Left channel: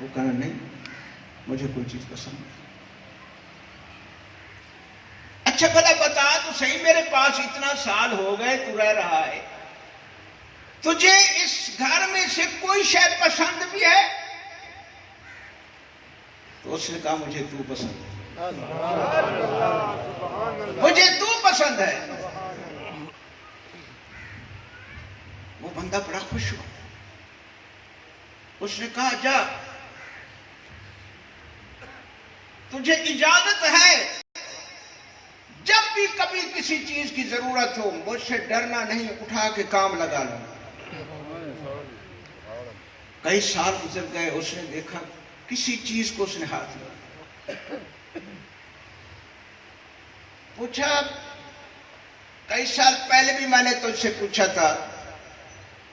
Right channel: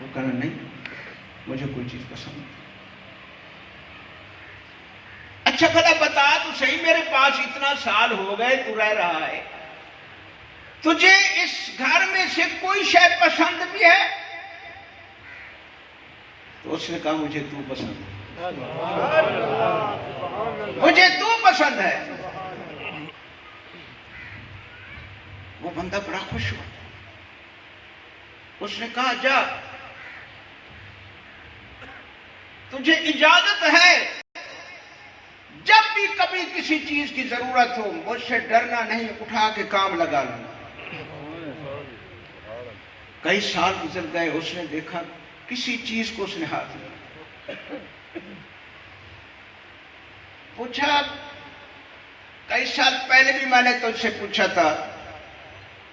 وہ کہنا نہیں مجھے کوئی چیز پسند نہیں. اچھا بھلا بتا تو صحیح، میرے پاس اتنا سال ہو گئے تو رہ رہا ہے، تجھے اس گھر میں سے کوئی شے پسند بھی ہے؟ تو اس نے کہا مجھے تو پسند ہے، مجھے تو پسند ہے. وہ بندہ بڑا خوش ہوا. اس نے کہا جا، تجھے اجازت ہے جب بھی کبھی کسی چیز کی ضرورت ہو مجھ سے ڈرنا نہیں، اٹھا کے کام لگا لینا. کئی سال گزر گئے، اس نے دیکھا کسی چیز کو اس نے ہاتھ لیا. پوچھا کئی سال پہلے بھی میں نے تجھ سے پوچھا تھا،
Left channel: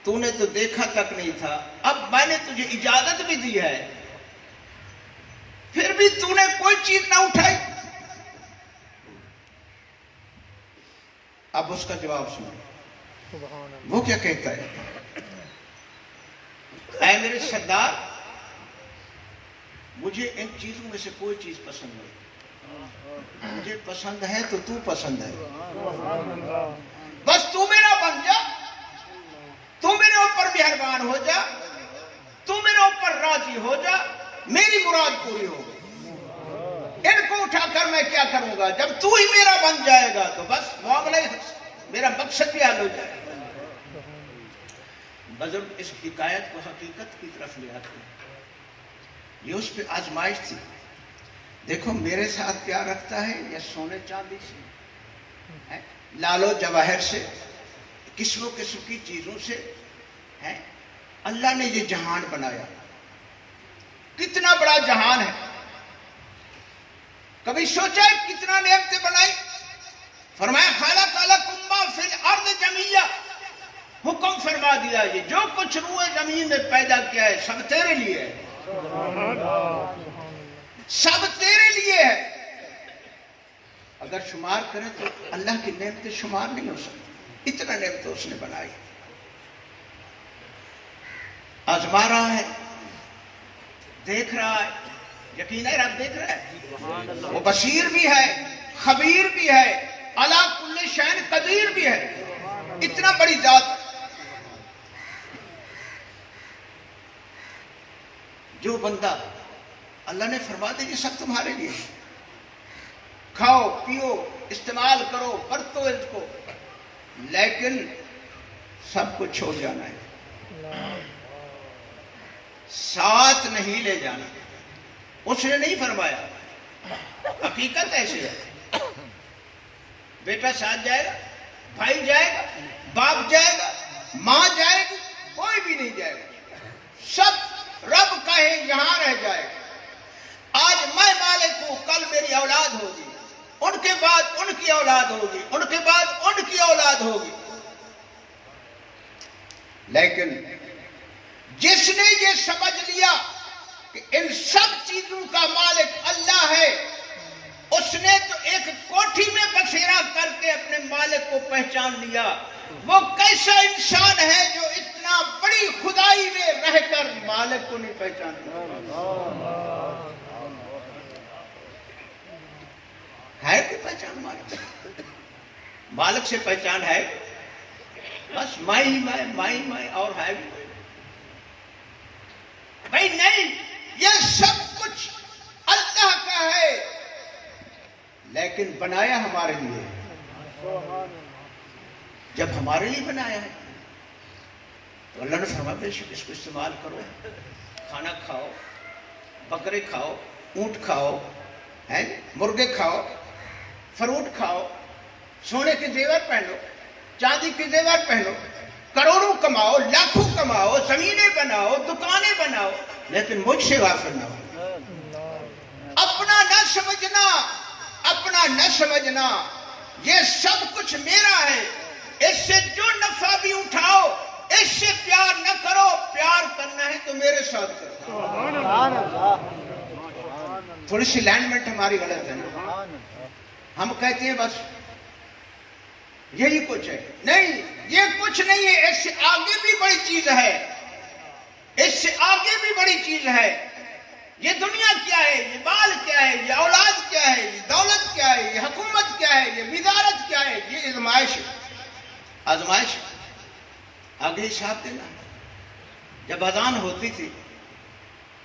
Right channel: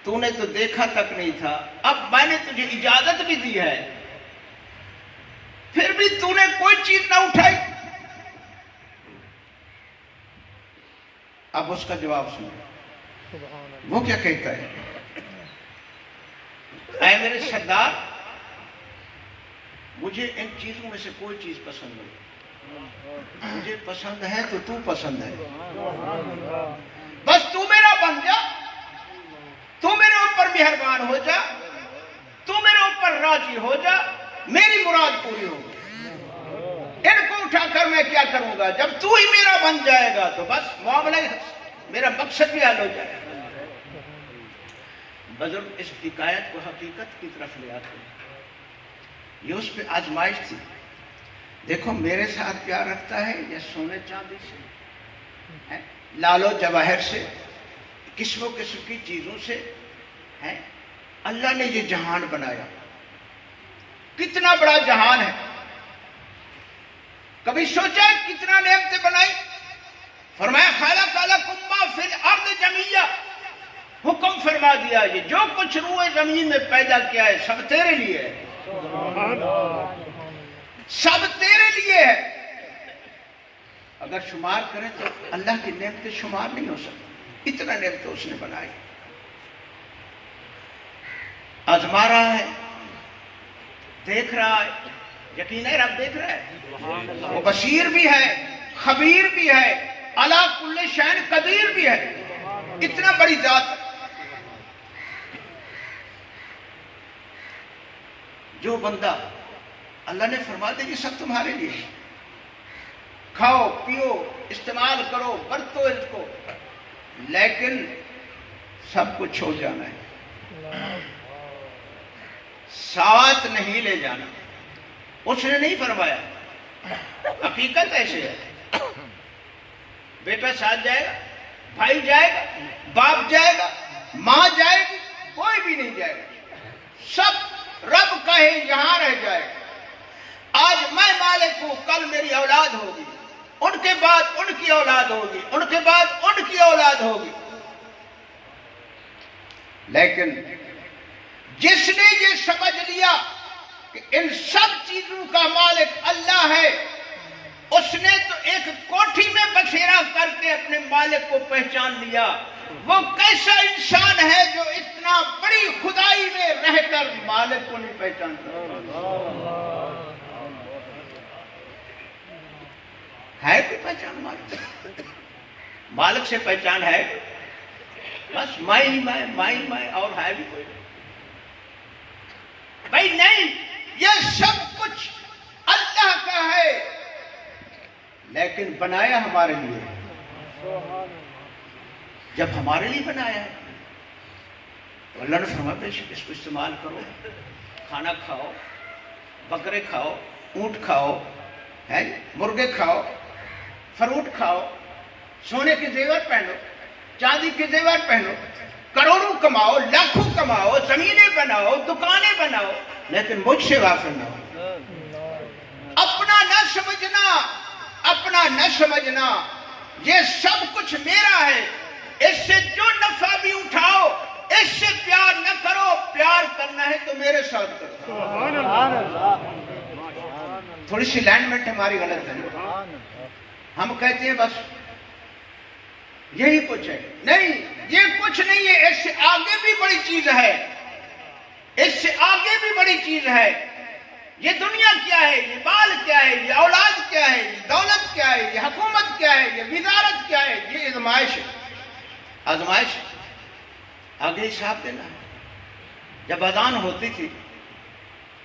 تو نے تو دیکھا تک نہیں تھا، اب میں نے تجھے اجازت بھی دی ہے، پھر بھی تو نے کوئی چیز نہ اٹھائی. اب اس کا جواب سنو، وہ کیا کہتا ہے؟ اے میرے سردار، مجھے ان چیزوں میں سے کوئی چیز پسند نہیں، مجھے پسند ہے تو تو پسند ہے، بس تو میرا بن جا، تو میرے اوپر مہربان ہو جا، تو میرے اوپر راضی ہو جا، میری مراد پوری ہو گئی. ان کو اٹھا کر میں کیا کروں گا؟ جب تو ہی میرا بن جائے گا تو بس معاملہ میرا مقصد بھی حل ہو جائے گا. بزرگ اس حکایت کو حقیقت کی طرف لے آتے ہیں. یہ اس پہ آزمائش تھی. دیکھو میرے ساتھ پیار رکھتا ہے یا سونے چاندی سے، لال و جواہر سے، قسم و قسم کی چیزوں سے. اللہ نے یہ جہان بنایا، کتنا بڑا جہان ہے. کبھی سوچا کتنا نعمتیں بنائی؟ فرمایا خلق لکم ما فی الارض جمیعا، حکم فرما دیا یہ جو کچھ روئے زمین میں پیدا کیا ہے سب تیرے لیے ہے، سب تیرے لیے ہے. اگر شمار کریں تو اللہ کی نعمتیں شمار نہیں ہو سکتی، اتنا نعمتیں اس نے بنائی. آزما رہا ہے، دیکھ رہا ہے، یقین ہے رب دیکھ رہا ہے، وہ بصیر بھی ہے، خبیر بھی ہے، علی کل شیء قدیر بھی ہے. اتنا بڑی ذات. جو بندہ اللہ نے فرما دیا یہ سب تمہارے لیے، کھاؤ پیو استعمال کرو برتو اس کو، لیکن سب کو چھوڑ جانا ہے، ساتھ نہیں لے جانا. اس نے نہیں فرمایا. حقیقت ایسی ہے، بیٹا ساتھ جائے گا، بھائی جائے گا، باپ جائے گا، ماں جائے گی، کوئی بھی نہیں جائے گا، سب رب کہے یہاں رہ جائے گا. آج میں مالک ہوں، کل میری اولاد ہوگی، ان کے بعد ان کی اولاد ہوگی، ان کے بعد ان کی اولاد ہوگی. لیکن جس نے یہ سمجھ لیا کہ ان سب چیزوں کا مالک اللہ ہے، اس نے تو ایک کوٹھی میں بسیرا کر کے اپنے مالک کو پہچان لیا. وہ کیسا انسان ہے جو اتنا بڑی خدائی میں رہ کر مالک کو نہیں پہچانتا؟ ہے کوئی پہچان مالک سے؟ مالک سے پہچان ہے بس میں اور ہے بھی کوئی بھائی نہیں. یہ سب کچھ اللہ کا ہے، لیکن بنایا ہمارے لیے. جب ہمارے لیے بنایا ہے تو اللہ نے فرمایا بے شک اس کو استعمال کرو، کھانا کھاؤ، بکرے کھاؤ، اونٹ کھاؤ، مرغے کھاؤ، فروٹ کھاؤ، سونے کے زیور پہنو، چاندی کے زیور پہنو، کروڑوں کماؤ، لاکھوں کماؤ، زمینیں بناؤ، دکانیں بناؤ، لیکن مجھ سے غافل نہ ہو. اپنا نہ سمجھنا، اپنا نہ سمجھنا، یہ سب کچھ میرا ہے، اس سے جو نفع بھی اٹھاؤ، اس سے پیار نہ کرو، پیار کرنا ہے تو میرے ساتھ کرو. تھوڑی سی لائنمنٹ ہماری غلط ہے. ہم کہتے ہیں بس یہی کچھ ہے. نہیں، یہ کچھ نہیں ہے، اس سے آگے بھی بڑی چیز ہے، اس سے آگے بھی بڑی چیز ہے. یہ دنیا کیا ہے، یہ بال کیا ہے، یہ اولاد کیا ہے، یہ دولت کیا ہے، یہ حکومت کیا ہے، یہ وزارت کیا ہے، یہ آزمائش ہے، آزمائش ہے۔ آگے حساب دینا۔ جب اذان ہوتی تھی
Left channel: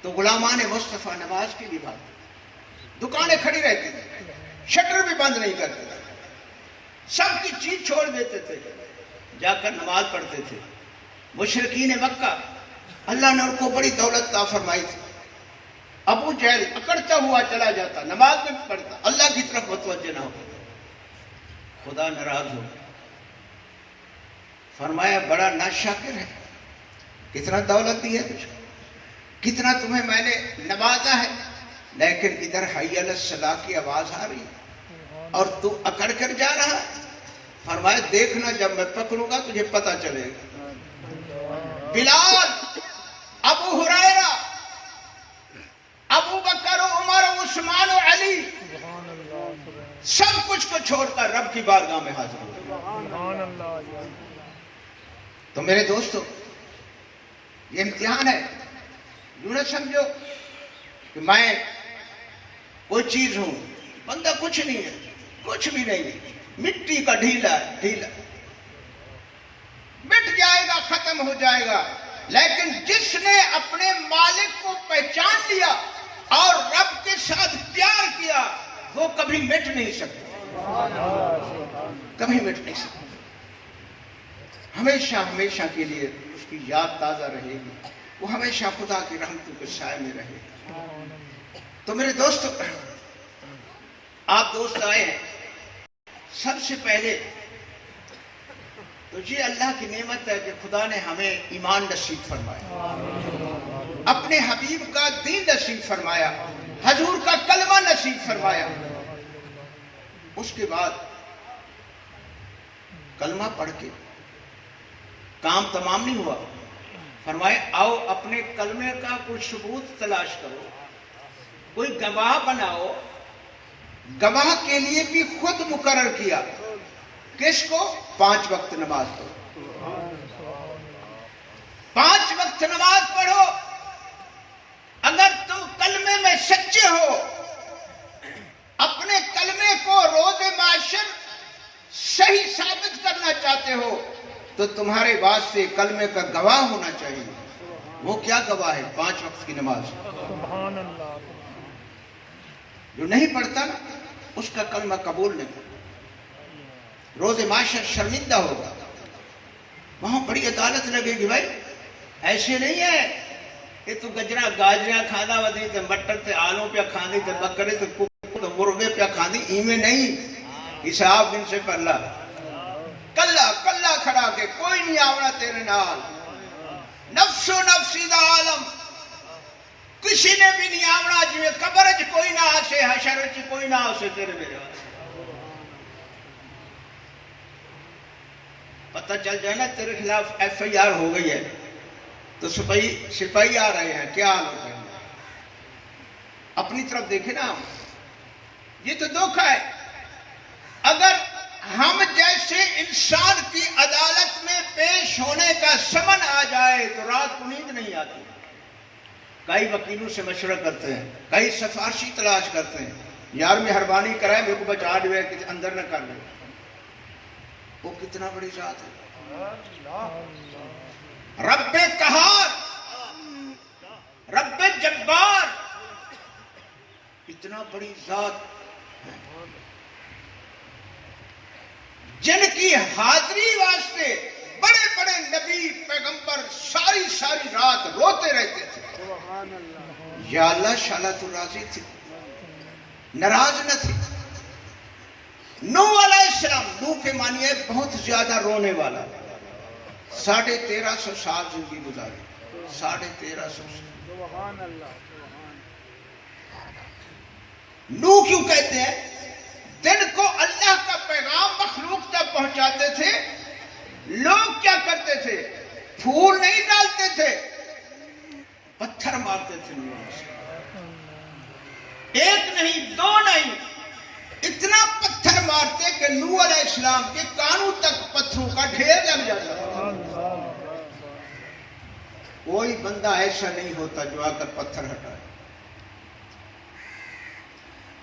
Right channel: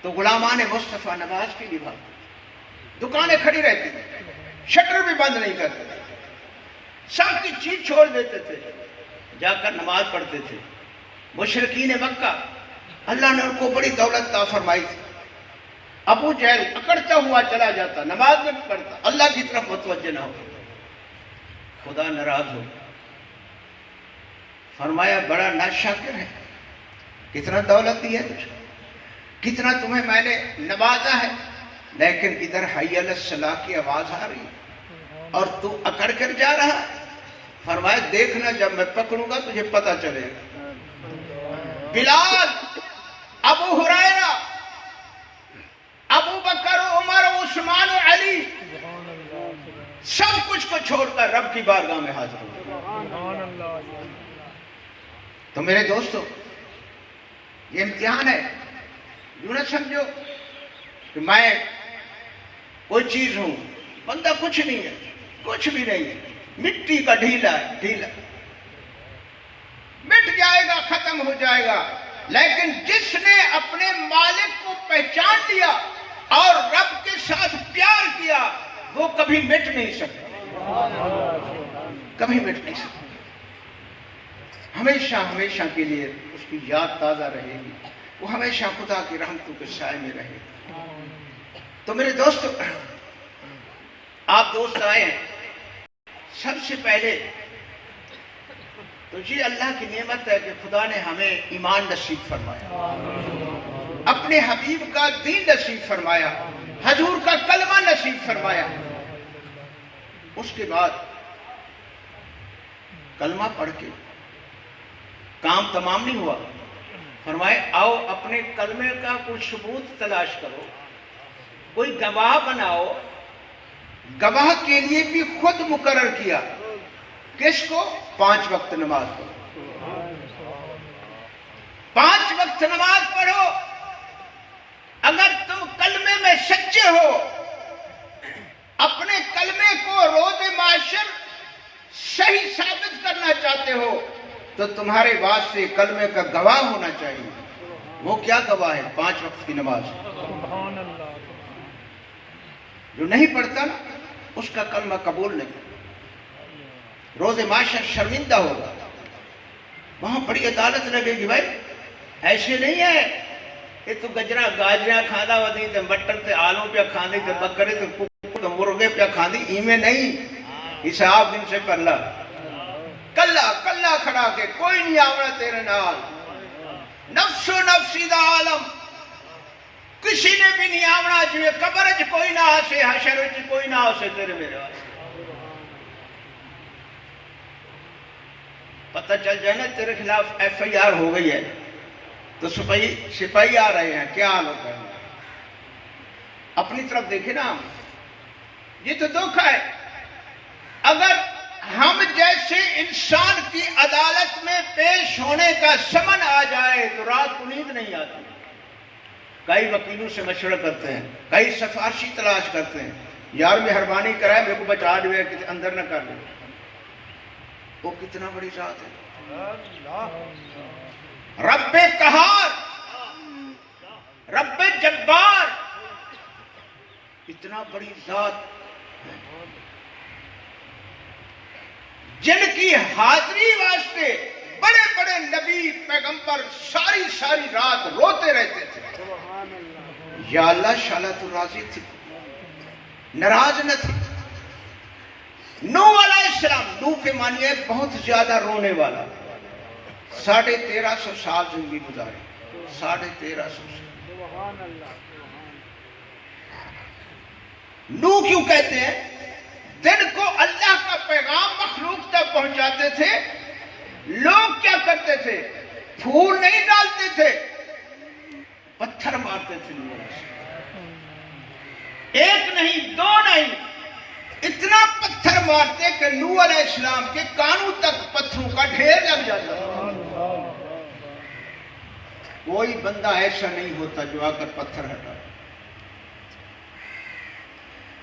تو غلامان مصطفیٰ نماز کے لیے بھاگتے، دکانیں کھڑی رہتی تھی، شٹر بھی بند نہیں کرتے تھے، سب کی چیز چھوڑ دیتے تھے، جا کر نماز پڑھتے تھے۔ مشرکین مکہ، اللہ نے ان کو بڑی دولت عطا فرمائی تھی، ابو جہل اکڑتا ہوا چلا جاتا، نماز نہیں پڑھتا، اللہ کی طرف متوجہ نہ ہو، خدا ناراض ہو، فرمایا بڑا ناشکر ہے، کتنا دولت دی ہے تجھ کو، کتنا تمہیں میں نے نوازا ہے، لیکن ادھر حی علی الصلاۃ کی آواز آ رہی اور تو اکڑ کر جا رہا ہے۔ فرمایا دیکھنا جب میں پکڑوں گا تجھے پتہ چلے گا۔ بلال، ابو ہریرہ، ابو بکر و عمر و عثمان و علی، سب کچھ کو چھوڑ کر رب کی بارگاہ میں حاضر ہو۔ تو میرے دوستو، یہ امتحان ہے۔ یوں نہ سمجھو کہ میں کوئی چیز ہوں، بندہ کچھ نہیں ہے، کچھ بھی نہیں ہے، مٹی کا ڈھیلا ہے، ڈھیلا مٹ جائے گا، ختم ہو جائے گا، لیکن جس نے اپنے مالک کو پہچان لیا اور رب کے ساتھ پیار کیا، وہ کبھی مٹ نہیں سکتا، کبھی مٹ نہیں سکتا، ہمیشہ ہمیشہ کے لیے اس کی یاد تازہ رہے گی، وہ ہمیشہ خدا کی رحمتوں کے سائے میں رہے گا۔ تو میرے دوستو، آپ دوست آئے ہیں، سب سے پہلے تو یہ اللہ کی نعمت ہے کہ خدا نے ہمیں ایمان نصیب فرمایا، اپنے حبیب کا دین نصیب فرمایا، حضور کا کلمہ نصیب فرمایا۔ اس کے بعد کلمہ پڑھ کے کام تمام نہیں ہوا، فرمائے آؤ اپنے کلمے کا کوئی ثبوت تلاش کرو، کوئی گواہ بناؤ۔ گواہ کے لیے بھی خود مقرر کیا، کس کو؟ 5 وقت نماز پڑھو، 5 وقت نماز پڑھو۔ اگر تم کلمے میں سچے ہو، اپنے کلمے کو روز معاشر صحیح ثابت کرنا چاہتے ہو، تو تمہارے واسطے کلمے کا گواہ ہونا چاہیے۔ وہ کیا گواہ ہے؟ 5 وقت کی نماز۔ جو نہیں پڑھتا نا، اس کا کلمہ قبول نہیں، روز معاشر شرمندہ ہوگا، وہاں بڑی عدالت لگے گی۔ بھائی ایسے نہیں ہے، یہ تو گجرا گاجرا کھانا ودی تے مٹر تے آلو پہ کھاندی تے بکرے تے ککڑ تے مرغے پہ کھاندی، ایمیں نہیں، حساب ان سے پرلا کلا کلا کھڑا کے کوئی نہیں آونا تیرے نال، نفس و نفسی دا عالم، کسی نے بھی نہیں آونا، جو قبر چ کوئی نہ آسے، حشر چ کوئی نہ آسے تیرے میرے واسطے۔ پتہ چل جائے نا تیرے خلاف FIR ہو گئی ہے تو سپاہی آ رہے ہیں، کیا حال ہوتا ہے؟ اپنی طرف دیکھیں نا، یہ تو دھوکہ ہے۔ اگر ہم جیسے انسان کی عدالت میں پیش ہونے کا سمن آ جائے تو رات کو نیند نہیں آتی، کئی وکیلوں سے مشورہ کرتے ہیں، کئی سفارشی تلاش کرتے ہیں، یار مہربانی کرائے میرے کو بچا دے، کسی اندر نہ کر لے۔ وہ کتنا بڑی ذات ہے، رب قہار، رب جبار، اتنا بڑی ذات جن کی حاضری واسطے بڑے بڑے نبی پیغمبر ساری رات روتے رہتے تھے، یا اللہ شالا تو راضی تھی، ناراض نہ تھی۔ نوح علیہ السلام، نوح کے معنی ہے بہت زیادہ رونے والا، 1350 سال زندگی گزاری، 1350 سال۔ نوح کیوں کہتے ہیں؟ دن کو اللہ کا پیغام مخلوق تک پہنچاتے تھے، لوگ کیا کرتے تھے؟ پھول نہیں ڈالتے تھے، پتھر مارتے تھے لوگوں سے، ایک نہیں دو نہیں، اتنا پتھر مارتے کہ نوح علیہ السلام کے کانوں تک پتھروں کا ڈھیر لگ جاتا۔ کوئی بندہ ایسا نہیں ہوتا جو آ کر پتھر ہٹا،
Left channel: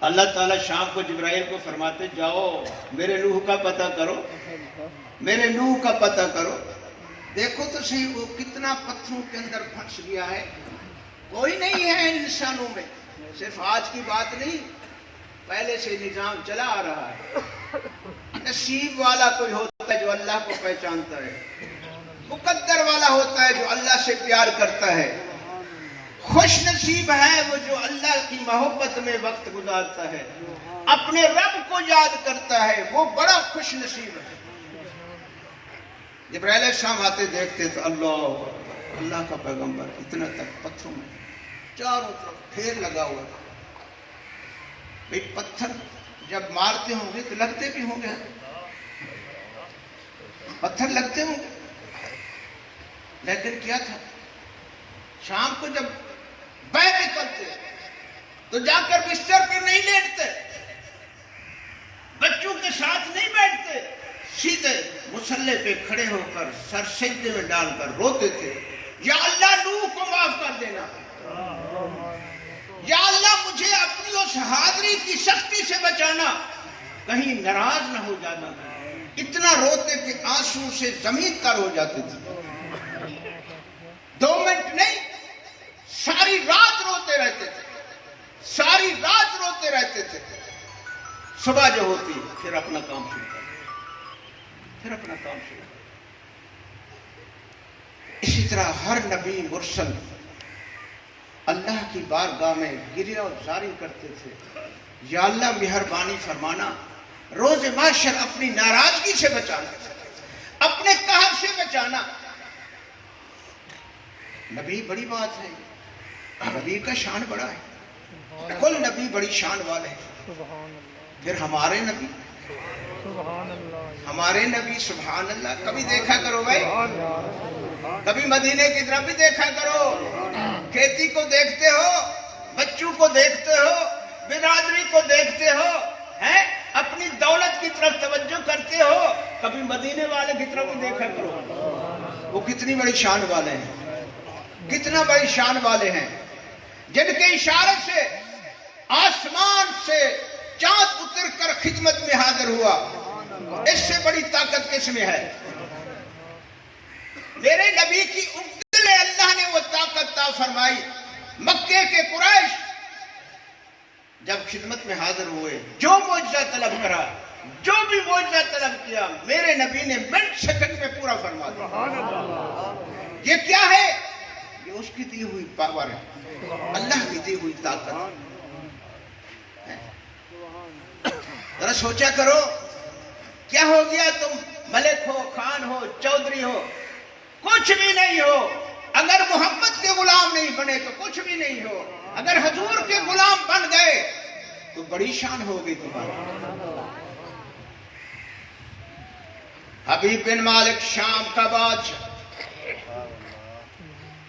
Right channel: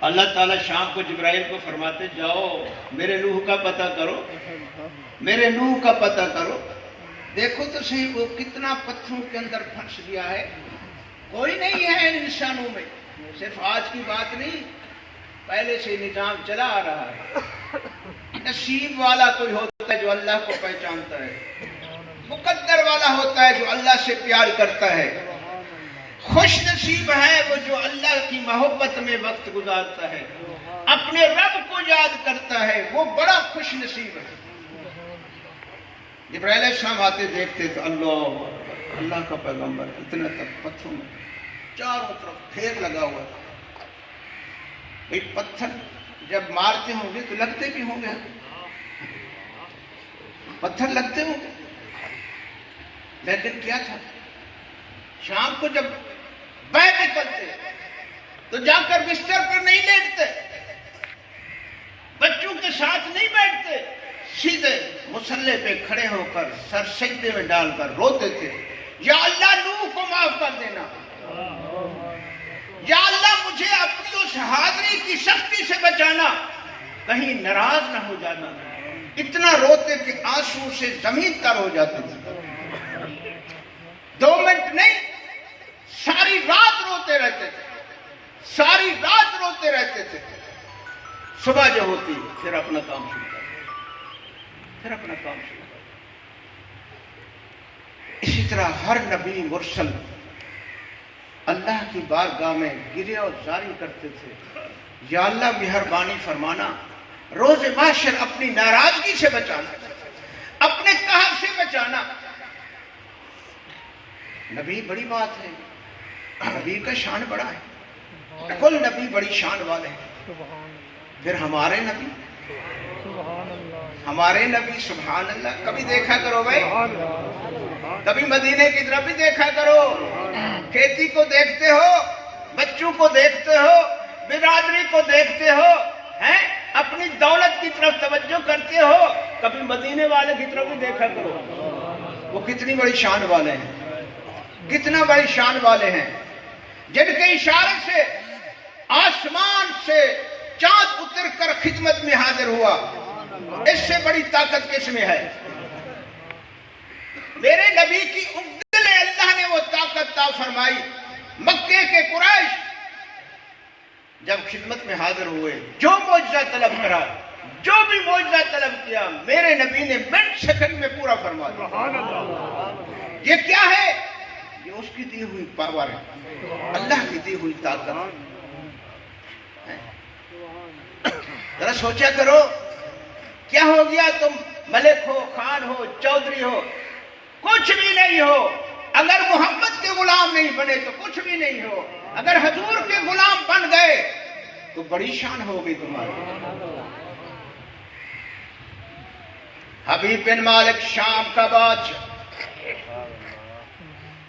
اللہ تعالیٰ شام کو جبرائیل کو فرماتے جاؤ میرے نوح کا پتہ کرو، میرے نوح کا پتہ کرو۔ دیکھو تو صحیح وہ کتنا پتھروں کے اندر پھنس گیا ہے، کوئی نہیں ہے ان نشانوں میں، صرف آج کی بات نہیں، پہلے سے نظام چلا آ رہا ہے۔ نصیب والا کوئی ہوتا ہے جو اللہ کو پہچانتا ہے، مقدر والا ہوتا ہے جو اللہ سے پیار کرتا ہے، خوش نصیب ہے وہ جو اللہ کی محبت میں وقت گزارتا ہے، اپنے رب کو یاد کرتا ہے، وہ بڑا خوش نصیب ہے۔ جبرائیل السلام آتے دیکھتے تو اللہ کا پیغمبر اتنا تک پتھروں میں چاروں طرف پھیر لگا ہوا تھا۔ ایک پتھر جب مارتے ہوں گے تو لگتے بھی ہوں گے، پتھر لگتے ہوں گے، لیکن کیا تھا شام کو جب بیٹھ کرتے تو جا کر بستر پر نہیں لیٹتے، بچوں کے ساتھ نہیں بیٹھتے، سیدھے مصلے پہ کھڑے ہو کر سر سجدے میں ڈال کر روتے تھے، یا اللہ نوح کو معاف کر دینا، یا اللہ مجھے اپنی اس حاضری کی سختی سے بچانا، کہیں ناراض نہ ہو جانا۔ اتنا روتے کہ آنسو سے زمین تر ہو جاتے تھے، 2 منٹ نہیں ساری رات روتے رہتے تھے، ساری رات روتے رہتے تھے۔ صبح جو ہوتی پھر اپنا کام شروع کرتے، پھر اپنا کام شروع کرتے۔ اسی طرح ہر نبی مرسل اللہ کی بارگاہ میں گریہ و زاری کرتے تھے، یا اللہ مہربانی فرمانا، روز محشر اپنی ناراضگی سے بچانا، اپنے قہر سے بچانا۔ نبی بڑی بات ہے، نبی کا شان بڑا ہے، کل نبی بڑی شان والے ہیں۔ پھر ہمارے نبی، ہمارے نبی سبحان اللہ، کبھی دیکھا کرو بھائی، کبھی مدینے کی طرف بھی دیکھا کرو، کھیتی کو دیکھتے ہو، بچوں کو دیکھتے ہو، برادری کو دیکھتے ہو، ہیں اپنی دولت کی طرف توجہ کرتے ہو، کبھی مدینے والے کی طرف بھی دیکھا کرو، وہ کتنی بڑی شان والے ہیں، کتنا بڑی شان والے ہیں، جن کے اشارے سے آسمان سے چاند اتر کر خدمت میں حاضر ہوا۔ اس سے بڑی طاقت کس میں ہے؟ میرے نبی کی انگلی اللہ نے وہ طاقت عطا فرمائی۔ مکے کے قریش جب خدمت میں حاضر ہوئے، جو معجزہ طلب کرا، جو بھی معجزہ طلب کیا، میرے نبی نے منٹ سیکنڈ میں پورا فرما دیا۔ یہ کیا ہے؟ یہ اس کی دی ہوئی پاور ہے، اللہ کی دی ہوئی طاقت۔ ذرا سوچا کرو، کیا ہو گیا تم ملک ہو، خان ہو، چودھری ہو، کچھ بھی نہیں ہو، اگر محمد کے غلام نہیں بنے تو کچھ بھی نہیں ہو، اگر حضور کے غلام بن گئے تو بڑی شان ہوگی تمہاری۔ حبیب بن مالک شام کا بادشاہ،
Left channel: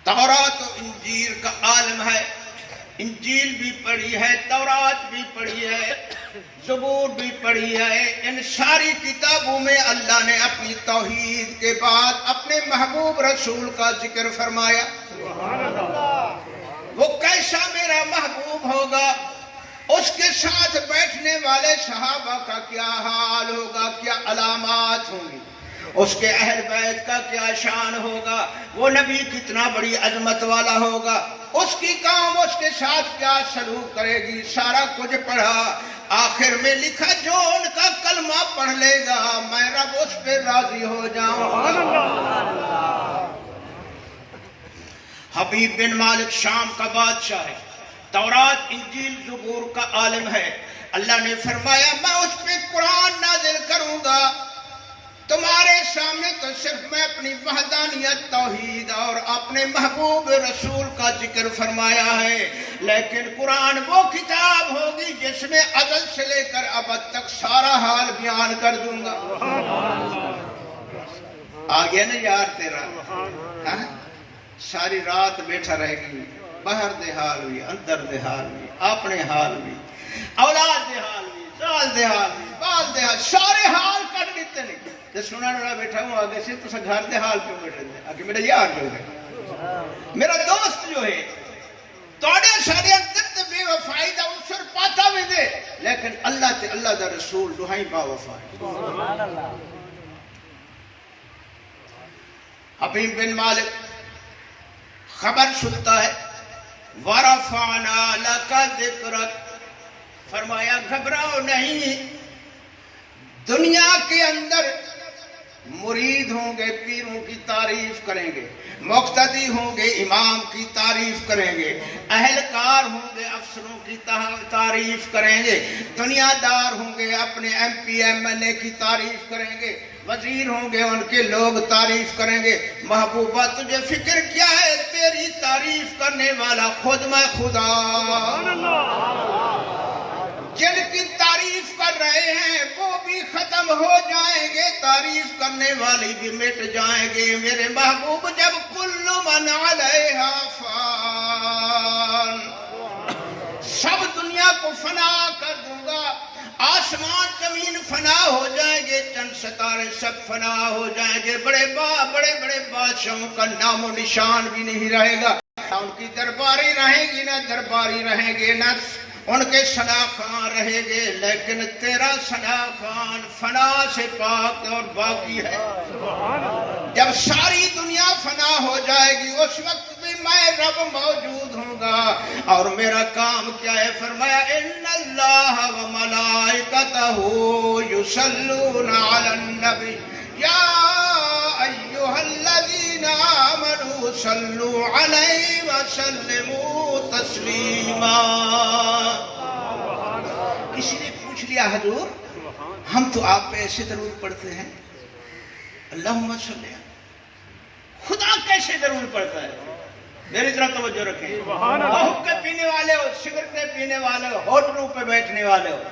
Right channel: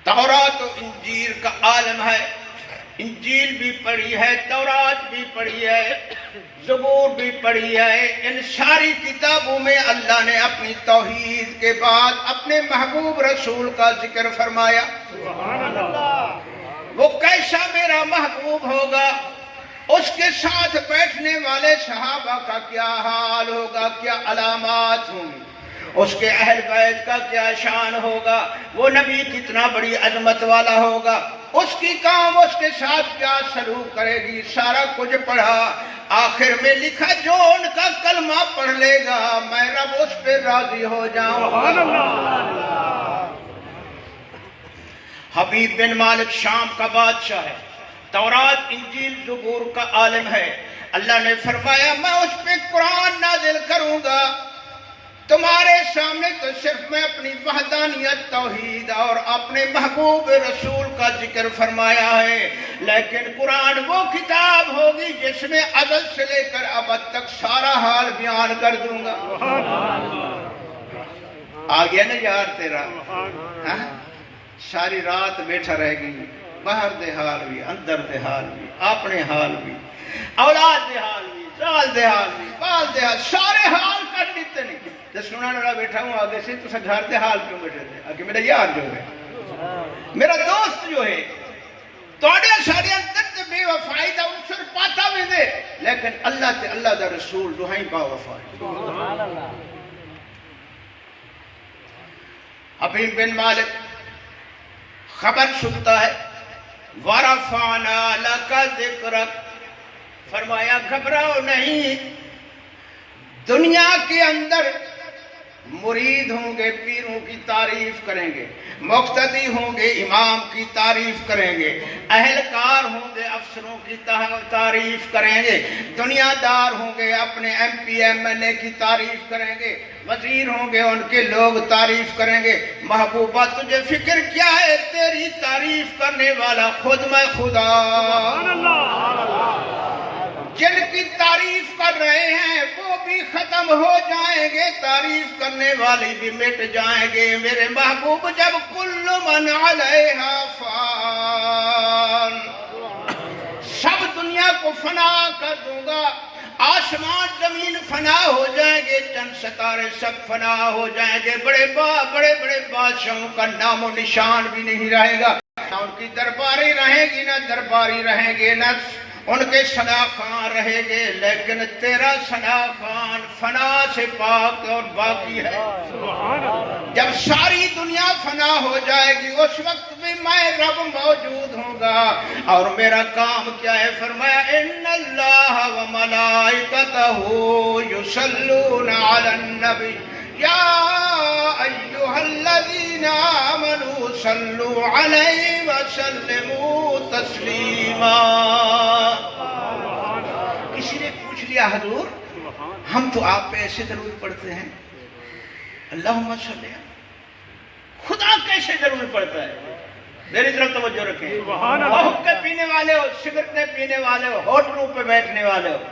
تورات و انجیل کا عالم ہے، انجیل بھی پڑھی ہے، تورات بھی پڑھی ہے، زبور بھی پڑھی ہے۔ ان ساری کتابوں میں اللہ نے اپنی توحید کے بعد اپنے محبوب رسول کا ذکر فرمایا۔ وہ کیسا میرا محبوب ہوگا، اس کے ساتھ بیٹھنے والے صحابہ کا کیا حال ہوگا، کیا علامات ہوں گی، اس کے اہل بیت کا کیا شان ہوگا، وہ نبی کتنا بڑی عظمت والا ہوگا، اس کی قوم اس کے ساتھ کیا سلوک کرے گی، سارا کچھ پڑھا۔ آخر میں لکھا جو ان کا کلمہ پڑھ لے گا میں رب اس پہ راضی ہو جاؤں گا۔ حبیب بن مالک شام کا بادشاہ ہے، تورات انجیل زبور کا عالم ہے۔ اللہ نے فرمایا میں اس پہ قرآن نازل کروں گا۔ تمہارے سامنے تو صرف میں اپنی وحدانیت، توحید اور اپنے محبوب رسول کا ذکر فرمایا ہے، لیکن قرآن وہ کتاب ہوگی جس میں ازل سے لے کر ابد تک سارا حال بیان کر دوں گا۔ آ گیا نا یار تیرا، ساری رات بیٹھا رہے گی، باہر دے حال بھی، اندر دے حال بھی، اپنے حال بھی، اولاد دے حال بھی، سال دے حال بھی، بال دے حال، سارے حال کر دیتے نہیں۔ تو سنا نڑا بیٹھا ہوں آگے سے، تو گھر دے حال کیوں بیٹھے تھے؟ آگے میرا یار جو ہے، میرا دوست جو ہے، توڑے سارے اندر تے بے وفائی دا عنصر پاتا بھی دے، لیکن اللہ تے اللہ دا رسول دوہائی با وفا ہے. حبیب بن مالک خبر سنتا ہے وَرَفَعْنَا لَكَ ذِكْرَكَ، فرمایا گھبراؤ نہیں، دنیا کے اندر مرید ہوں گے پیروں کی تعریف کریں گے، مقتدی ہوں گے امام کی تعریف کریں گے، اہلکار ہوں گے افسروں کی تعریف کریں گے، دنیا دار ہوں گے اپنے ایم پی ایم این اے کی تعریف کریں گے، وزیر ہوں گے ان کے لوگ تعریف کریں گے. محبوبہ تجھے فکر کیا ہے، تیری تعریف کرنے والا خود میں خدا. جن کی تعریف کر رہے ہیں وہ بھی ختم ہو جائیں گے، تعریف کرنے والی بھی مٹ جائیں گے. میرے محبوب جب کل من علیہا فان، سب دنیا کو فنا کر دوں گا، آسمان زمین فنا ہو جائیں گے، چند ستارے سب فنا ہو جائیں گے، بڑے بڑے بادشاہوں کا نام و نشان بھی نہیں رہے گا، نہ ان کی درباری رہیں گی نہ درباری رہیں گے، نہ ان کے ثنا خان رہیں گے، لیکن تیرا ثنا خان فنا سے پاک اور باقی ہے. جب ساری دنیا فنا ہو جائے گی اس وقت بھی میں رب موجود ہوں گا. اور میرا کام کیا ہے؟ فرمایا ان اللہ و ملائکتہ یصلون علی النبی یا ایھا الذین آمنوا صلوا علیہ وسلموا تسلیما. کسی نے پوچھ لیا حضور ہم تو آپ پہ ایسے درود پڑھتے ہیں، اللہم صلی علیہ، خدا کیسے درود پڑھتا ہے؟ میری طرف توجہ رکھیں. حقے پینے والے ہو، سگریٹیں پینے والے ہو، ہوٹلوں پہ بیٹھنے والے ہو،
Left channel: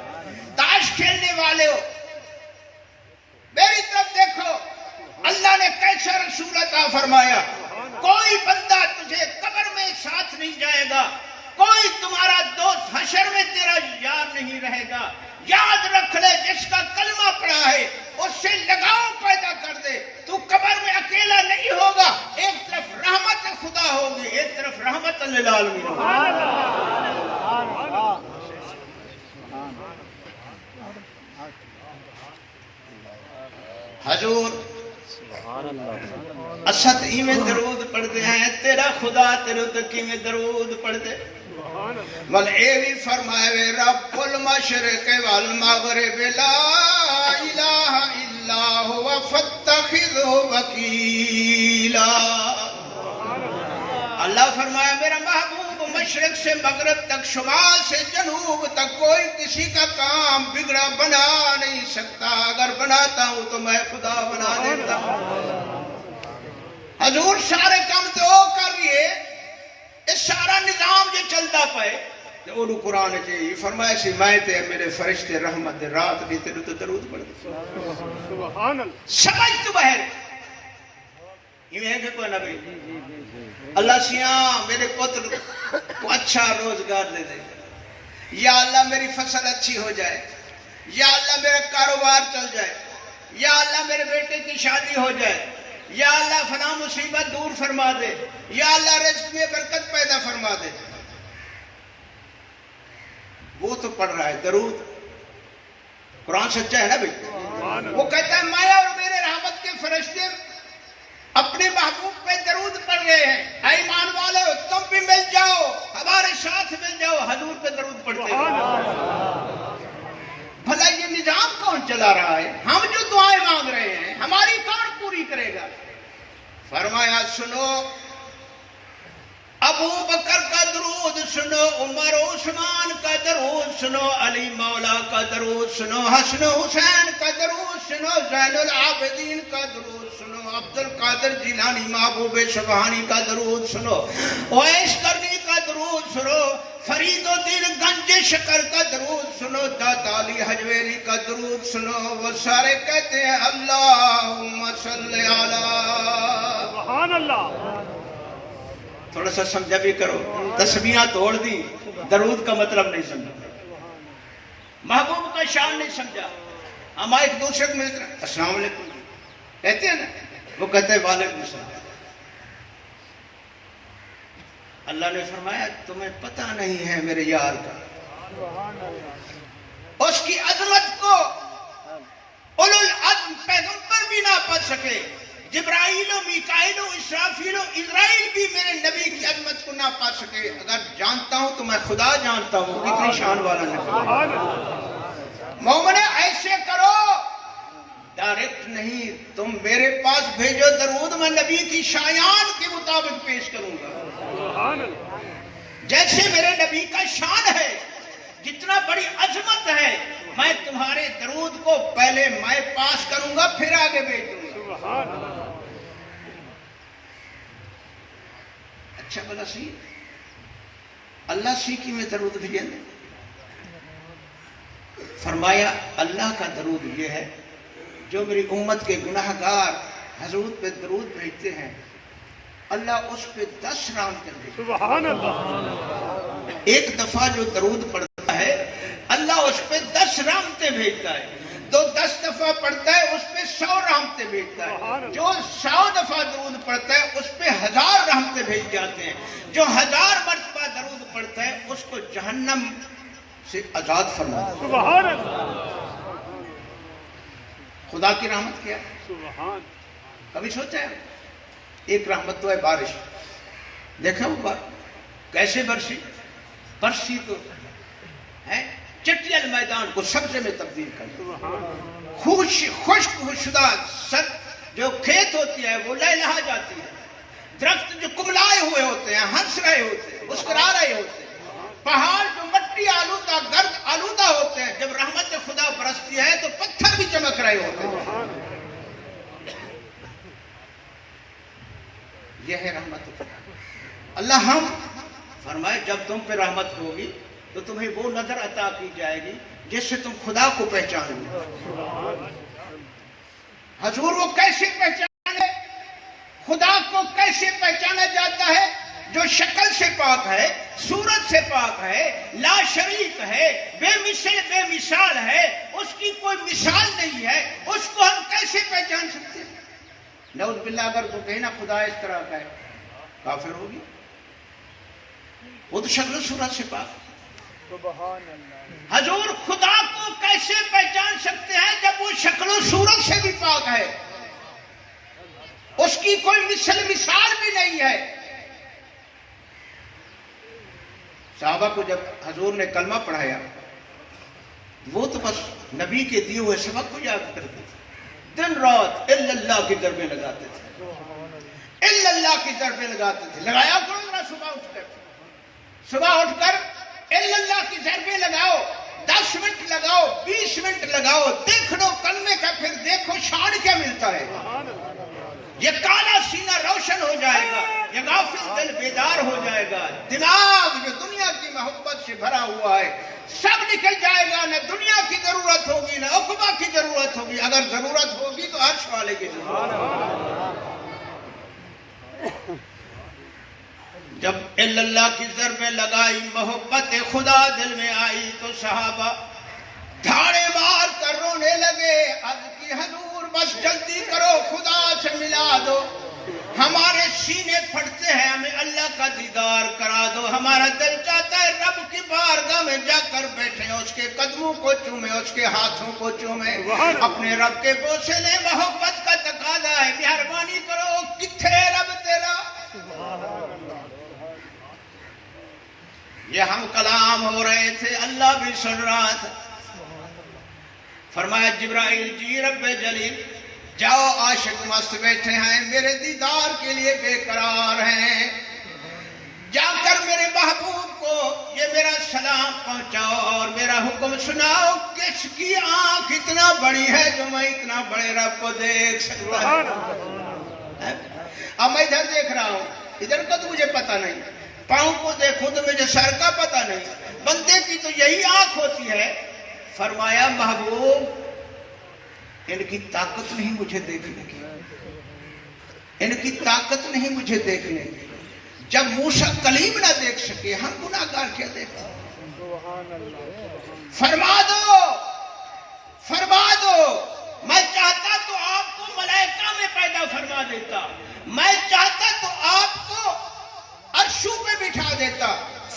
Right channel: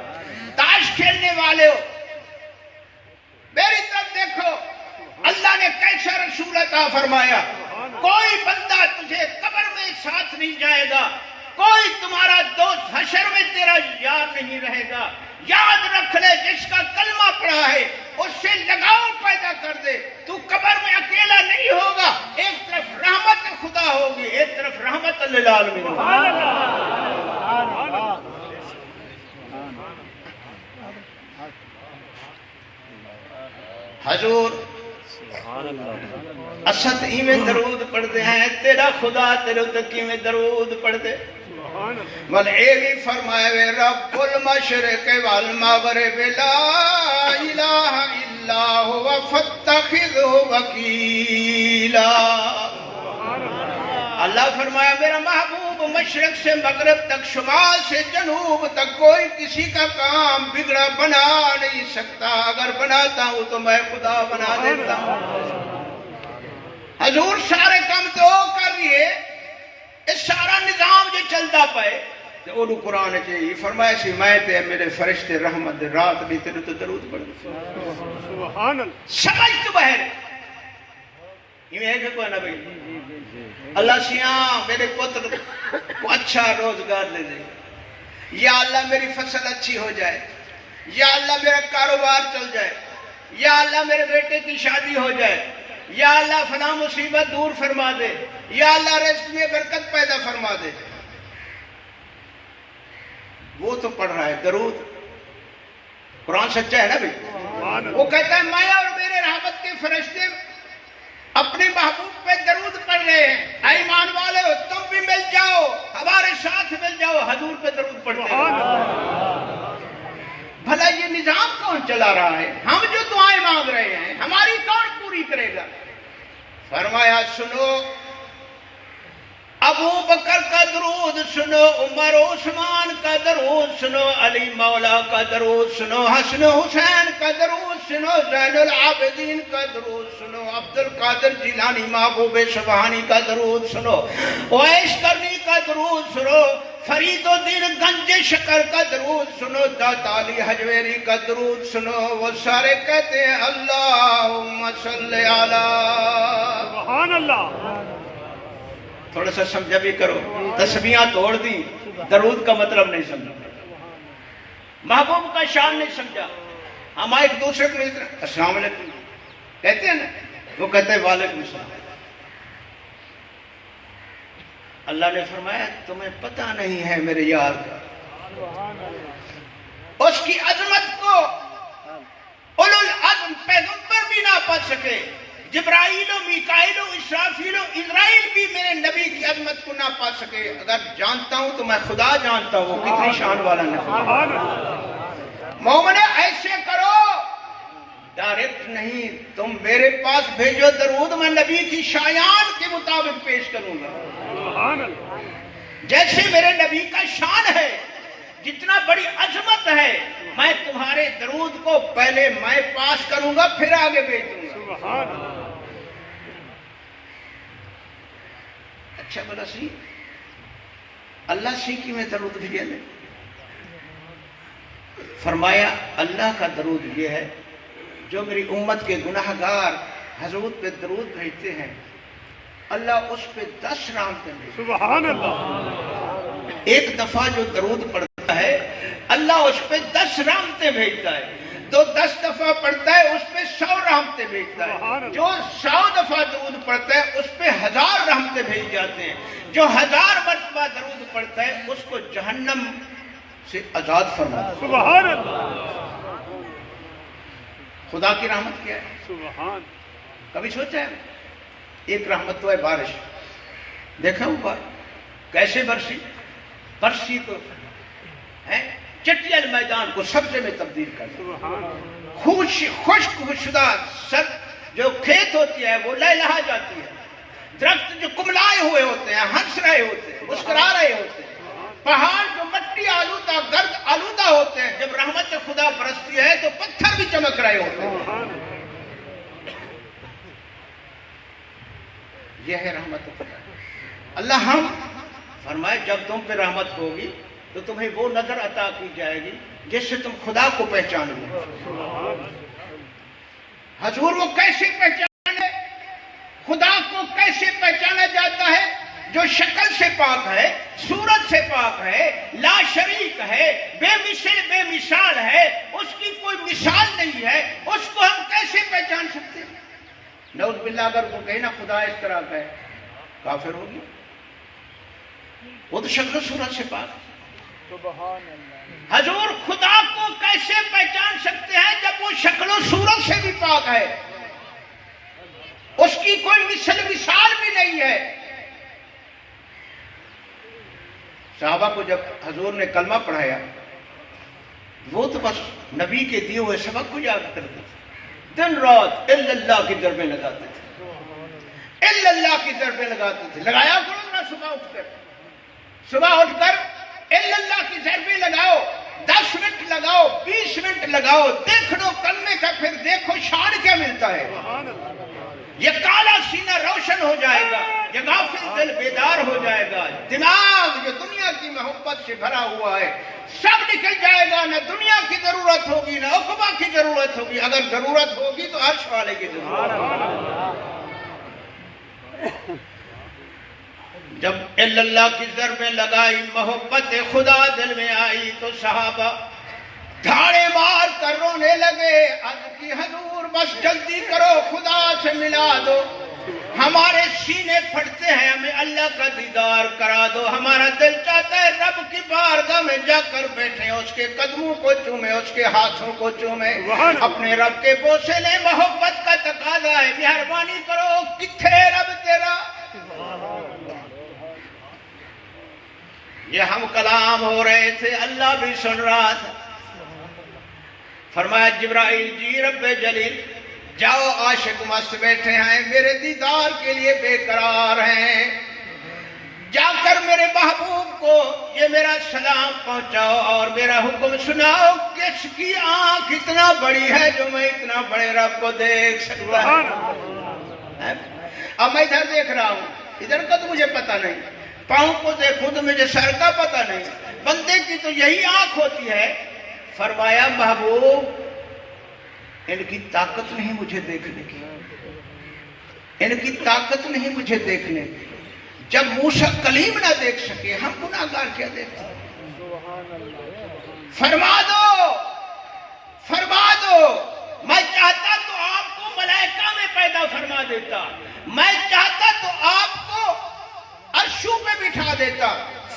تاش کھیلنے والے ہو، میری طرف دیکھو. اللہ نے کیسا رسول عطا فرمایا. کوئی بندہ تجھے قبر میں ساتھ نہیں جائے گا، کوئی تمہارا دوست حشر میں تیرا یار نہیں رہے گا. یاد رکھ لے جس کا کلمہ پڑھا ہے اس سے لگاؤ پیدا کر دے. تو قبر میں اکیلا نہیں ہوگا، ایک طرف رحمت خدا ہوگی، ایک طرف رحمت للعالمین ہوگی. حضور اسد ہی میں درود پڑھتے ہیں، تیرا خدا تیرے تکی میں درود پڑھتے. ول اے بھی فرمائے وے رب المشرق والمغرب لا الہ الا هو فاتخذه وکیلا. اللہ فرمایا میرا محبوب مشرق سے مغرب تک، شمال سے جنوب تک کوئی کسی کا کام بگڑا بنا نہیں سکتا، اگر بناتا ہوں تو میں خدا بنا دیتا ہوں. حضور سارے کام تو کر رہے، اس سارا نظام جو چلتا پائے تو وہ قرآن چاہیے فرمایا سی میں تے میرے فرشتے رحمت رات بھی تیرے تو درود پڑھ دو. سمجھ تو بہر یہ ہے کہ کوئی نہ بھائی اللہ سیاں میرے پتر کو اچھا روزگار دے دے، یا اللہ میری فصل اچھی ہو جائے، یا اللہ میرا کاروبار چل جائے، یا اللہ میرے بیٹے کی شادی ہو جائے، یا اللہ فلاں مصیبت دور فرما دے، یا اللہ رزق میں برکت پیدا فرما دے. وہ تو پڑھ رہا ہے درود، قرآن سچا ہے نا بھائی. وہ کہتا ہے میں اور میرے رحمت کے فرشتے اپنے محبوب پہ درود پڑھ رہے ہیں. اے ایمان والے ہو تم بھی مل جاؤ، ہمارے ساتھ مل جاؤ، حضور پہ درود پڑھتے ہیں. بھلا یہ نظام کون چلا رہا ہے؟ ہم جو دعائیں مانگ رہے ہیں ہماری کون پوری کرے گا؟ فرمایا سنو ابو بکر کا درود سنو، عمر عثمان کا درود سنو، علی مولا کا درود سنو، حسن حسین کا درود سنو، زین العابدین کا درود سنو، عبد القادر جیلانی محبوب سبحانی کا درود سنو، اویس کرنی کا درود سنو، فرید الدین گنج شکر کا درود سنو، داتا علی حجویری کا درود سنو. وہ سارے کہتے ہیں اللہم صلی علی. سبحان اللہ. تھوڑا سا سمجھا بھی کرو، تسبیحاں توڑ دی، درود کا مطلب نہیں سمجھا، محبوب کا شان نہیں سمجھا. ہم ایک دوسرے کو ملتے ہیں السلام علیکم کہتے ہیں نا، وہ کہتے ہیں وعلیکم السلام. اللہ نے فرمایا تمہیں پتہ نہیں ہے میرے یار کا. اس کی عظمت کو اولو العزم پیغمبر بھی نہ پا سکے، جبرائیل و میکائیل و اسرافیل و اسرائیل بھی میرے نبی کی عظمت کو نہ پا سکے۔ اگر جانتا ہوں تو میں خدا جانتا ہوں کتنی شان والا نبی۔ مومن ایسے کرو، ڈائریکٹ نہیں، تم میرے پاس بھیجو درود، میں نبی کی شایان کے مطابق پیش کروں گا، جیسے میرے نبی کا شان ہے، جتنا بڑی عظمت ہے، میں تمہارے درود کو پہلے میں پاس کروں گا پھر آگے بھیج دوں گا۔ اچھا بلا سی اللہ سی کی میں درود بھیجے دیں۔ فرمایا اللہ کا درود یہ ہے، جو میری امت کے گناہگار حضور پہ درود بھیجتے ہیں، اللہ اس پہ 10 رحمتیں بھیجتے ہیں۔ سبحان اللہ۔ ایک دفعہ جو درود پڑھتا ہے اللہ اس پہ 10 رحمتیں بھیجتا ہے، تو 10 دفعہ پڑھتا ہے اس پہ 100 رحمتیں بھیجتا ہے، جو 100 دفعہ درود پڑھتا ہے اس پہ 1000 رحمتیں بھیج جاتے ہیں، جو 1000 مرتبہ درود پڑھتا ہے اس کو جہنم سے آزاد فرماتا ہے۔ سبحان اللہ۔ خدا کی رحمت کیا ہے؟ سبحان۔ کبھی سوچا ہے؟ ایک رحمت تو ہے بارش، دیکھا اوپر کیسے برسی تو چٹیل میدان کو سبزے میں تبدیل کر دیا، خشک شدہ جو کھیت ہوتی ہے وہ لہلہا جاتی ہے، درخت جو کملائے ہوئے ہوتے ہیں، ہنس رہے ہوتے ہیں، مسکرا رہے ہوتے ہیں، پہاڑ جو مٹی آلودہ گرد آلودہ ہوتے ہیں، جب رحمت خدا برستی ہے تو پتھر بھی چمک رہے ہوتے ہیں۔ یہ ہے رحمت خدا۔ اللہ ہم فرمائے جب تم پہ رحمت ہوگی تو تمہیں وہ نظر عطا کی جائے گی جس سے تم خدا کو پہچان لو۔ حضور وہ کیسے پہچانے؟ خدا کو کیسے پہچانا جاتا ہے؟ جو شکل سے پاک ہے، صورت سے پاک ہے، لا شریک ہے، بے مثل بے مثال ہے، اس کی کوئی مثال نہیں ہے، اس کو ہم کیسے پہچان سکتے ہیں؟ نعوذ باللہ اگر وہ کہے نا خدا اس طرح کا ہے، کافر ہوگی، وہ تو شکل صورت سے پاک ہے۔ سبحان اللہ۔ حضور خدا کو کیسے پہچان سکتے ہیں جب وہ شکل و صورت سے بھی پاک ہے، اس کی کوئی مثال بھی نہیں ہے۔ صحابہ کو جب حضور نے کلمہ پڑھایا وہ تو بس نبی کے دیے ہوئے سبق کو یاد کرتے تھے، دن رات الا اللہ کی ضربیں لگاتے تھے، الا اللہ کی ضربیں لگاتے تھے۔ لگایا کرو نا صبح اٹھ کر الا اللہ کی ضربیں لگاؤ، 10 منٹ لگاؤ، 20 منٹ لگاؤ، دیکھ لو کرنے کا، پھر دیکھو شان کیا ملتا ہے۔ یہ کالا سینہ روشن ہو جائے گا، یہ غافل دل بیدار ہو جائے گا، دماغ جو دنیا کی محبت سے بھرا ہوا ہے سب نکل جائے گا، نہ دنیا کی ضرورت ہوگی نہ عقبہ کی ضرورت ہوگی، اگر ضرورت ہوگی تو عرش والے کی ضرورت ہوگی۔ جب اللہ کی ضربیں لگائی، محبت خدا دل میں آئی تو صحابہ دھاڑے مار کر رونے لگے، عرض کی حضور بس جلدی کرو، خدا سے ملا دو، ہمارے سینے پھٹتے ہیں، ہمیں اللہ کا دیدار کرا دو، ہمارا دل چاہتا ہے رب کی بارگاہ میں جا کر بیٹھیں، اس کے قدموں کو چومیں، اس کے ہاتھوں کو چومیں، اپنے رب کے بوسے لیں، محبت کا تقاضا ہے، مہربانی کرو، کتھے رب تیرا؟ یہ ہم کلام ہو رہے تھے، اللہ بھی سن رہا تھا۔ فرمایا جبرائیل جی رب جلیل جاؤ، عاشق مست بیٹھے ہیں، میرے دیدار کے لیے بے قرار ہیں، جا کر میرے محبوب کو یہ میرا سلام پہنچاؤ اور میرا حکم سناؤ، کس کی آنکھ اتنا بڑی ہے جو میں اتنا بڑے رب کو دیکھ سکتا ہے۔ اب میں ادھر دیکھ رہا ہوں، ادھر کا تو مجھے پتہ نہیں، پاؤں کو دیکھوں تو مجھے سر کا پتہ نہیں، بندے کی تو یہی آنکھ ہوتی ہے۔ فرمایا محبوب ان کی طاقت نہیں مجھے دیکھنے کی، ان کی طاقت نہیں مجھے دیکھنے کی، جب موسیٰ کلیم نہ دیکھ سکے ہم گناہگار کیا دیکھتے ہیں؟ فرما دو، میں چاہتا تو آپ کو ملائکہ میں پیدا فرما دیتا، میں چاہتا تو آپ کو عرشوں پہ بٹھا دیتا،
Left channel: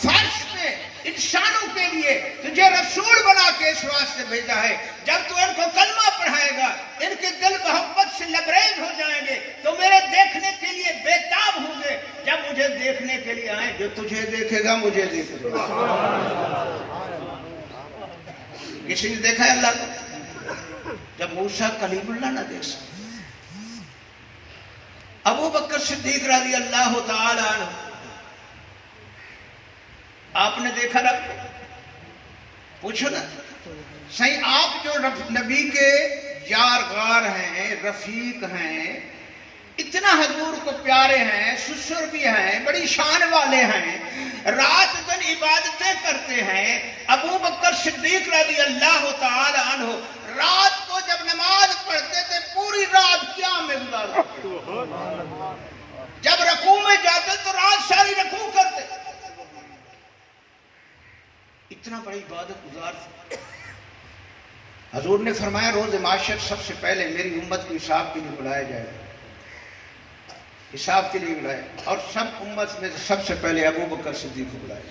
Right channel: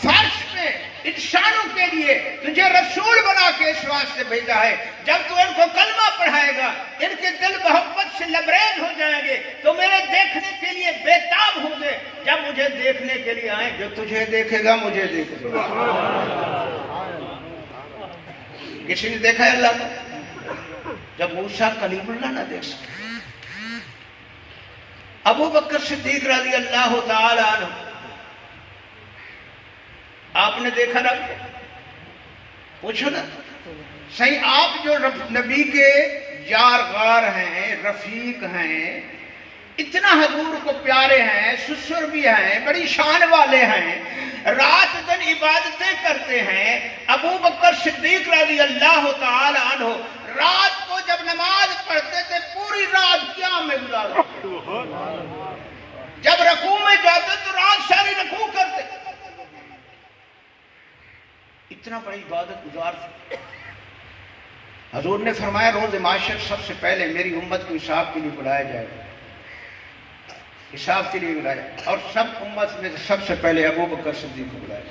فرش پہ انسانوں کے لیے تجھے رسول بنا کے اس واسطے بھیجا ہے جب تو ان کو کلمہ پڑھائے گا ان کے دل محبت سے لبریز ہو جائیں گے تو میرے دیکھنے کے لیے بےتاب ہوں گے. جب مجھے دیکھنے کے لیے آئیں, جو تجھے دیکھے گا مجھے دیکھے گا. کسی نے دیکھا ہے اللہ کو؟ جب موسیٰ کلیم اللہ نہ دیکھ سکے, ابو بکر صدیق رضی اللہ تعالی عنہ آپ نے دیکھا رب کو؟ پوچھو نا صحیح, آپ جو نبی کے یار غار ہیں, رفیق ہیں, اتنا حضور کو پیارے ہیں, سسر بھی ہیں, بڑی شان والے ہیں, رات دن عبادتیں کرتے ہیں. ابو بکر صدیق رضی اللہ تعالی عنہ رات کو جب نماز پڑھتے تھے پوری رات قیام میں گزارتے, جب رکوع میں جاتے تو رات ساری رکوع کرتے. اتنا بڑی عبادت گزار تھے. حضور نے فرمایا روز معاشر سب سے پہلے میری امت کو حساب کے لیے بلایا جائے گا, حساب کے لیے بلائے, اور سب امت میں سب سے پہلے ابو بکر صدیق کو بلائے.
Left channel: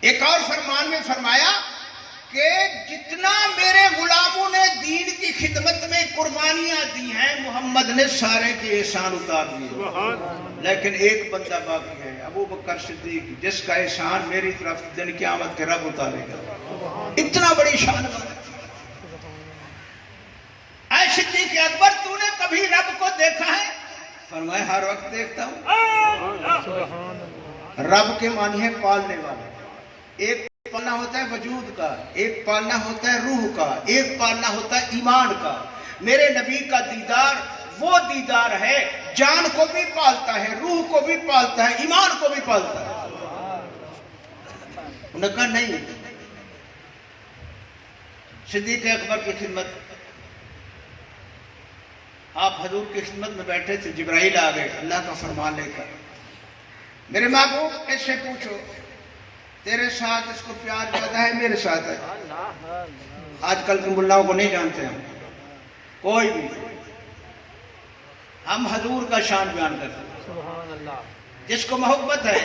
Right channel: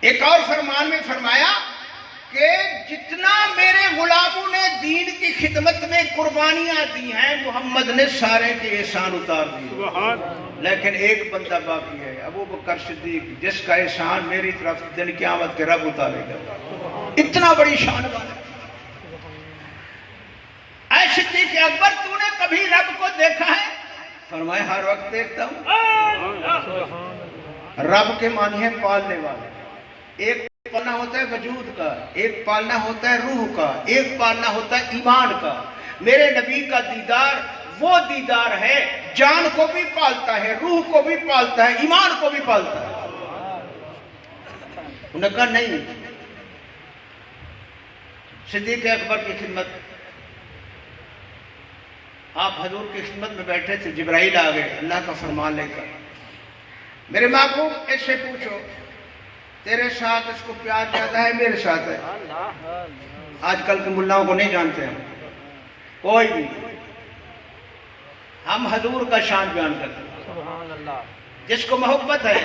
ایک اور فرمان میں فرمایا کہ جتنا میرے غلاموں نے دین کی خدمت میں قربانیاں دی ہیں محمد نے سارے کے احسان اتار دیے, لیکن ایک بندہ باقی ہے ابو بکر صدیق, جس کا احسان میری طرف دن قیامت کے رب اتارے گا. اتنا بڑی شان والا. اے صدیق اکبر تو نے کبھی رب کو دیکھا ہے؟ فرمائے ہر وقت دیکھتا ہوں. رب کے معنی ہے پالنے والا. ایک پالنا ہوتا ہے وجود کا, ایک پالنا ہوتا ہے روح کا, ایک پالنا ہوتا ہے ایمان کا. میرے نبی کا دیدار وہ دیدار ہے جان کو بھی پالتا ہے, روح کو بھی پالتا ہے, ایمان کو بھی پالتا ہے. انہوں نے کہا نہیں. صدیق اکبر کی خدمت, آپ حضور کی خدمت میں بیٹھے تھے, جبرائیل آ گئے اللہ کا فرمان لے کر. میرے محبوب اس سے پوچھو تیرے ساتھ اس کو پیار زیادہ ہے میرے ساتھ ہے؟ آج کل کے ملاؤں کو نہیں جانتے ہم کوئی بھی. ہم حضور کا شان بیان کرتے ہیں. جس کو محبت ہے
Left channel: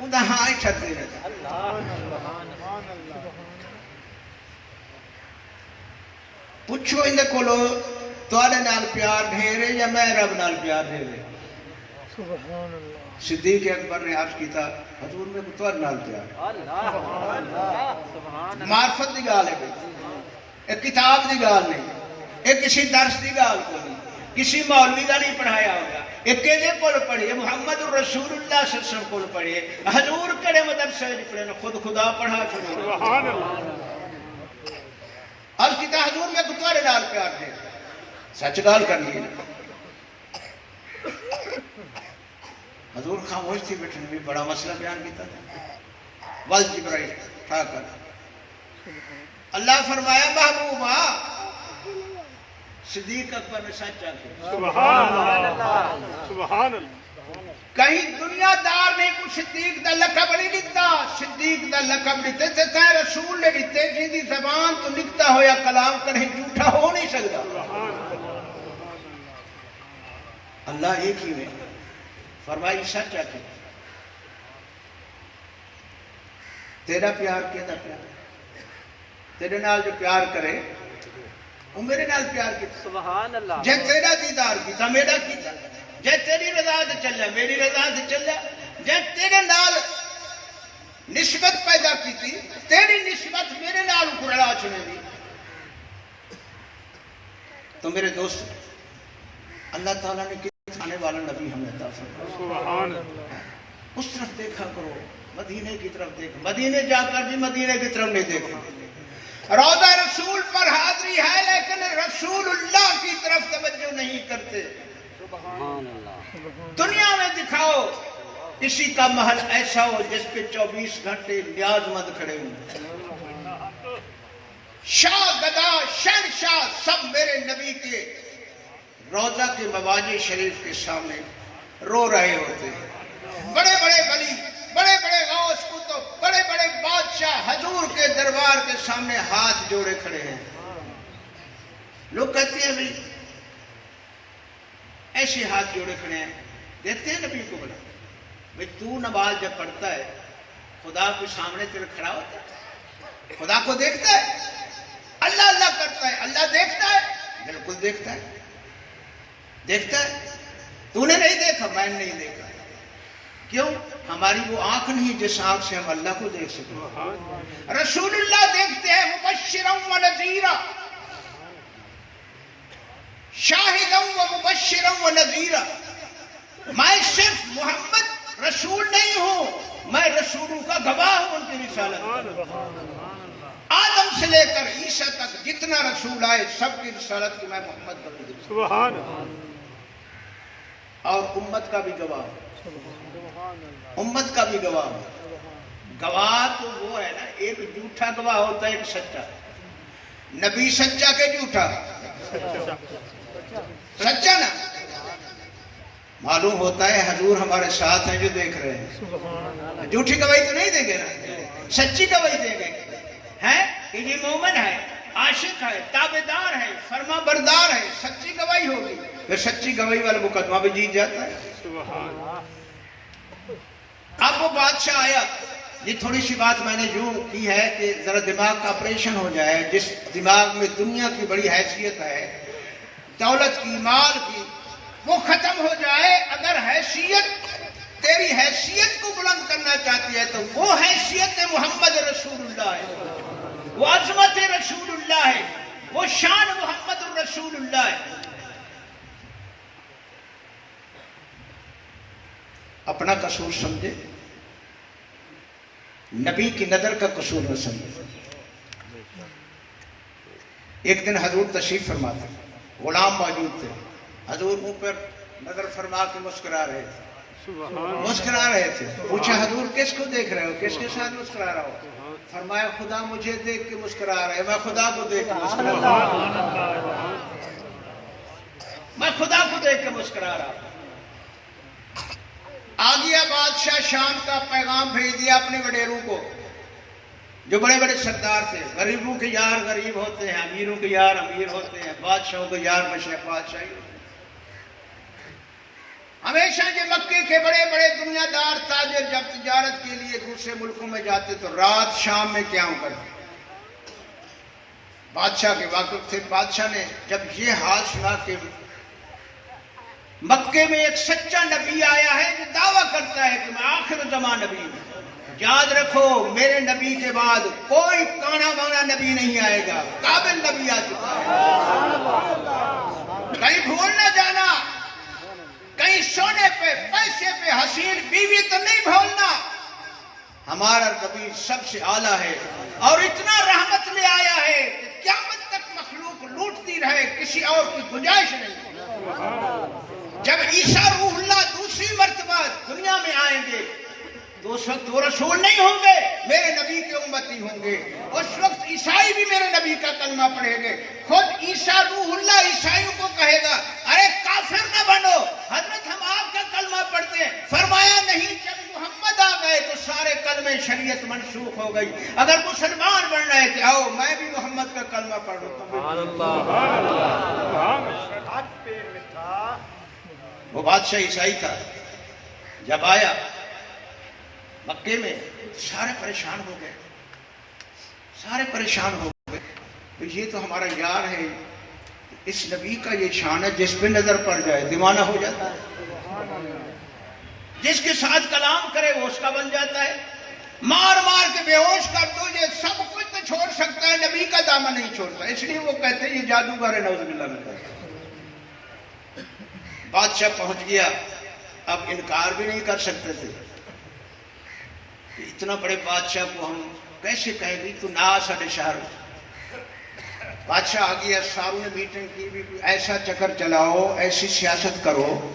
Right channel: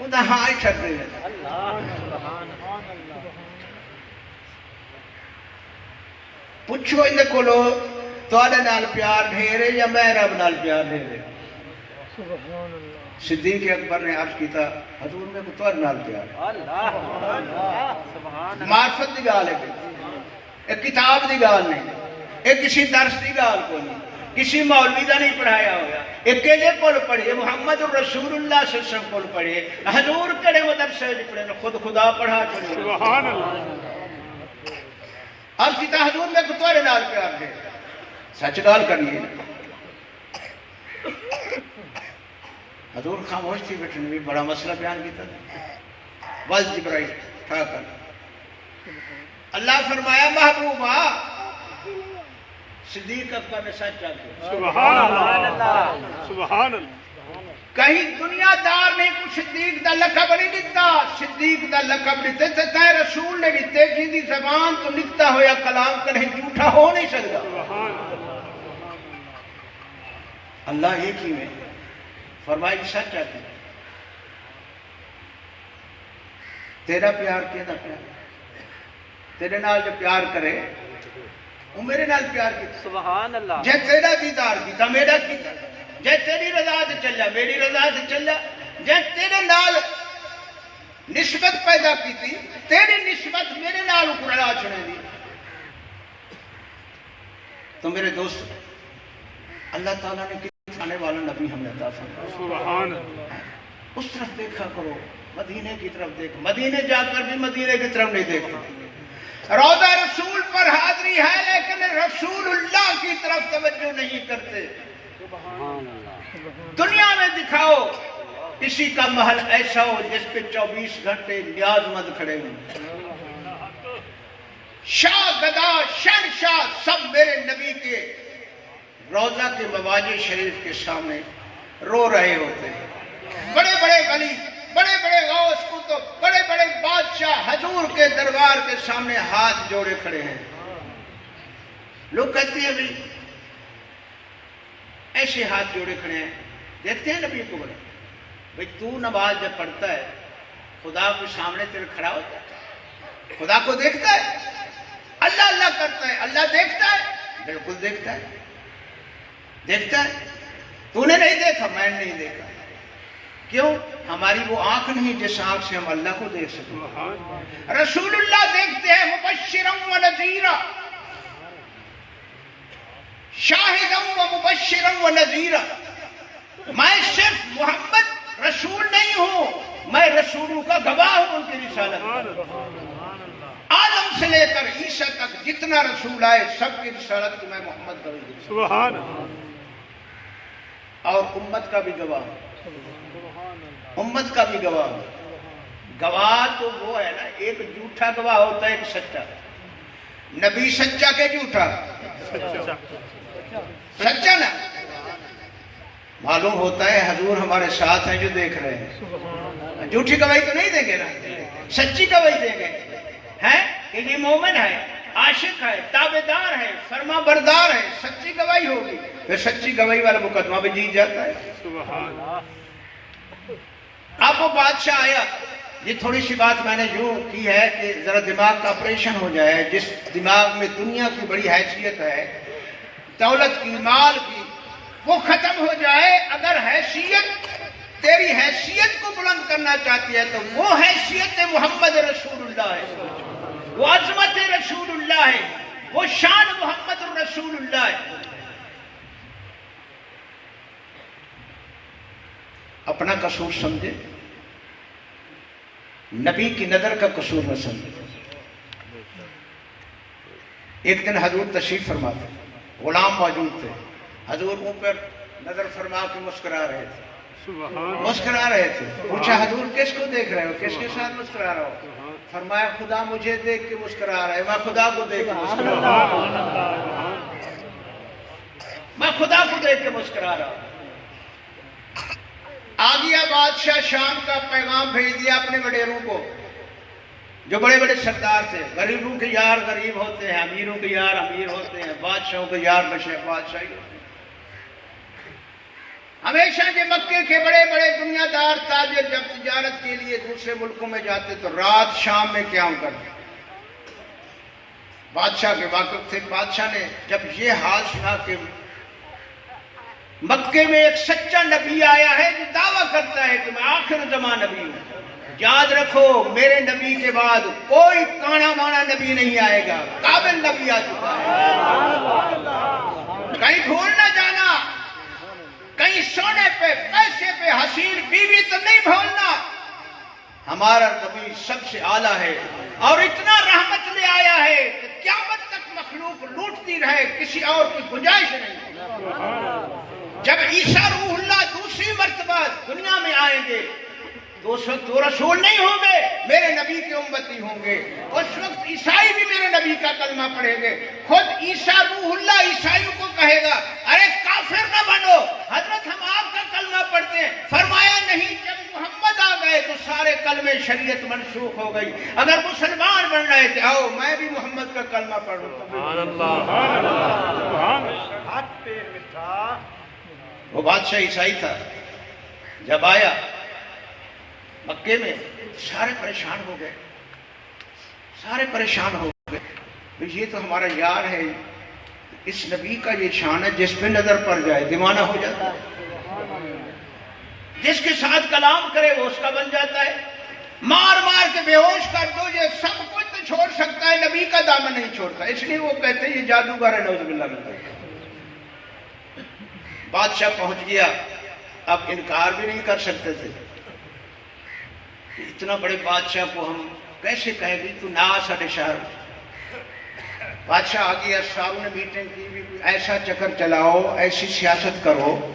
انہیں ہاں چھڑ دے دیتا. پوچھو ان کو لو تھوڑے نال پیار ڈھیرے یا میں رب نال پیار ڈھیرے. صدیق اکبر نے عرض کیتا حضور میں کو تھوڑے نال پیار. معرفت دی گال ہے بھئی, ایک کتاب دی گال نہیں, ایک کسی درس دی گال کو نہیں, کسی مولوی دا نہیں پڑھایا ہوگا. ایک کیلے کول پڑھے محمد رسول اللہ صلی اللہ علیہ وسلم کول پڑھے, حضور کڑے مدرسے نہیں پڑھے, خود خدا پڑھا چھوڑے. سبحان اللہ. اور کتا حضور میں کو تھوڑے نال پیار دے. سچ گال کرنی ہے. حضور خاموش تھی بیٹھن بھی بڑا مسئلہ بیان کیتا وال جبرائیل ٹھا کر. اللہ فرمایا محبوبہ صدیق اکبر نے سچ کہا. سبحان اللہ. سبحان اللہ. کہیں دنیا دار نے کو صدیق دا لقب نہیں دیتا. صدیق دا لقب دیتے تے رسول نے دیتے جن دی زبان تو لکھتا ہویا کلام کہیں جھوٹا ہو نہیں سکتا. اللہ ایک ہی میں فرمائی سچ آتی. تیرا پیار کیدا پیار, تیرے نال جو پیار کرے وہ میرے نال پیار کیتا. سبحان اللہ. جے تیرا دیدار کیتا میرا کیتا, جے تیری رضا سے چلیا میری رضا سے چلیا, جے تیرے نال نسبت پیدا کیتی تیری نسبت میرے نال اکرلا چھنے دی. تو میرے دوست اللہ تعالیٰ نے کس آنے والا نبی ہمیں عطا فرمایا. اس طرف دیکھا کرو, مدینے کی طرف دیکھو. مدینے جا کر بھی مدینے کی طرف نہیں دیکھو. روضہ رسول پر حاضری ہے لیکن رسول اللہ کی طرف توجہ نہیں کرتے. دنیا میں دکھاؤ کسی کا محل ایسا ہو جس پہ 24 گھنٹے نیاز مند کھڑے ہوں. شاہ گدا شہنشاہ سب میرے نبی کے روضہ کے مواجہ شریف کے سامنے رو رہے ہوتے. بڑے بڑے ولی, بڑے بڑے غوث کتب, بڑے بڑے بادشاہ حضور کے دربار کے سامنے ہاتھ جوڑے کھڑے ہیں. لوگ کہتے ہیں بھئی ایسے ہاتھ جوڑے کھڑے ہیں. دیکھتے ہیں نبی کو بلا بھئی تو نماز جب پڑھتا ہے خدا کو سامنے تیرے کھڑا ہوتا ہے، خدا کو دیکھتا ہے، اللہ اللہ کرتا ہے، اللہ دیکھتا ہے، بالکل دیکھتا ہے، دیکھتا ہے۔ تو نے نہیں دیکھا، میں نے نہیں دیکھا، کیوں؟ ہماری وہ آنکھ نہیں جس آنکھ سے ہم اللہ کو دیکھ سکیں۔ رسول اللہ دیکھتے ہیں مبشرا و نذیرا، شاہدا و مبشرا و نذیرا۔ میں صرف محمد رسول نہیں ہوں، میں رسولوں کا گواہ ہوں ان کی رسالت۔ آدم سے لے کر عیسیٰ تک جتنا رسول آئے سب کی رسالت کی میں محمد کا بھی سبحان اور امت کا بھی گواہ ہوں، امت کا بھی گواہ ہوں۔ گواہ تو وہ ہے نا، ایک جھوٹا گواہ ہوتا ہے، ایک سچا۔ نبی سچا کہ جھوٹا؟ سچا نا۔ معلوم ہوتا ہے حضور ہمارے ساتھ ہیں جو دیکھ رہے ہیں، جھوٹی گواہی تو نہیں دیں گے نا، سچی گواہی دیں گے ہیں کہ یہ مومن ہے، عاشق ہے، تابعدار ہے، فرما بردار ہے، سچی گواہی ہوگی، پھر سچی گواہی والا مقدمہ بھی جیت جاتا ہے۔ اب وہ بادشاہ آیا، یہ تھوڑی سی بات میں نے یوں کی ہے کہ ذرا دماغ کا آپریشن ہو جائے۔ جس دماغ میں دنیا کی بڑی حیثیت ہے، دولت کی، مال کی، وہ ختم ہو جائے۔ اگر حیثیت تیری حیثیت کو بلند کرنا چاہتی ہے تو وہ حیثیت محمد رسول اللہ ہے، وہ عظمت رسول اللہ ہے، وہ شان محمد رسول اللہ ہے۔ اپنا قصور سمجھے، نبی کی نظر کا قصور نہ سمجھے۔ ایک دن حضور تشریف فرما تھے، غلام موجود تھے، حضور منہ پر نظر فرما کے مسکرا رہے تھے، مسکرا رہے تھے۔ پوچھا حضور کس کو دیکھ رہے ہو، کس کے ساتھ مسکرا رہا ہو؟ فرمایا خدا مجھے دیکھ کے مسکرا رہا ہے، میں خدا کو دیکھ کے مسکرا رہا ہوں، میں خدا کو دیکھ کے مسکرا رہا ہوں۔ آ گیا بادشاہ، شام کا پیغام بھیج دیا اپنے وڈیروں کو جو بڑے بڑے سردار تھے۔ غریبوں کے یار غریب ہوتے ہیں، امیروں کے یار امیر ہوتے ہیں، بادشاہوں کے یار بادشاہی ہوتے ہیں۔ ہمیشہ جو مکے کے بڑے بڑے دنیا دار تاجر جب تجارت کے لیے دوسرے ملکوں میں جاتے تو رات شام میں قیام کرتے۔ بادشاہ کے واقف تھے۔ بادشاہ نے جب یہ حال سنا کہ مکے میں ایک سچا نبی آیا ہے جو دعویٰ کرتا ہے کہ میں آخر زمان نبی ہوں، یاد رکھو میرے نبی کے بعد کوئی کانا مانا نبی نہیں آئے گا، قابل نبی آ چکا ہے، کہیں بھول نہ جانا، کہیں سونے پہ پیسے پہ حسین بیوی تو نہیں بھولنا، ہمارا نبی سب سے اعلیٰ ہے اور اتنا رحمت لے آیا ہے کہ قیامت تک مخلوق لوٹتی رہے، کسی اور کی گنجائش نہیں۔ جب عیسیٰ روح اللہ دوسری مرتبہ دنیا میں آئیں گے تو اس وقت وہ رسول نہیں ہوں گے، میرے نبی کے امتی ہوں گے۔ اس وقت عیسائی بھی میرے نبی کا کلمہ پڑھیں گے۔ خود عیسیٰ روح اللہ عیسائیوں کو کہے گا ارے کافر نہ بنو، حضرت ہم آپ کا کلمہ پڑھتے ہیں۔ فرمایا نہیں، جب محمد آ گئے تو سارے کلمے شریعت منسوخ ہو گئی۔ اگر مسلمان بن رہے تھے آؤ میں بھی محمد کا کلمہ پڑھوں۔ وہ بادشاہ عیسائی تھا، جب آیا مکے میں سارے پریشان ہو گئے، سارے پریشان ہو گئے۔ یہ تو ہمارا یار ہے، اس نبی کا یہ شان ہے جس پہ نظر پڑ جائے دیوانہ ہو جاتا ہے، جس کے ساتھ کلام کرے وہ اس کا بن جاتا ہے، مار مار کے بے ہوش کر دو یہ سب کچھ تو چھوڑ سکتا ہے، نبی کا دامن نہیں چھوڑتا، اس لیے وہ کہتے ہیں یہ جادوگر ہے، نعوذ باللہ من ذالک۔ بادشاہ پہنچ گیا، اب انکار بھی نہیں کر سکتے تھے، اتنا بڑے بادشاہ کو ہم کیسے کہیں گے تو نہ آ ساڑھے شہر۔ بادشاہ آ گیا، ساروں نے میٹنگ کی بھی ایسا چکر چلاؤ، ایسی سیاست کرو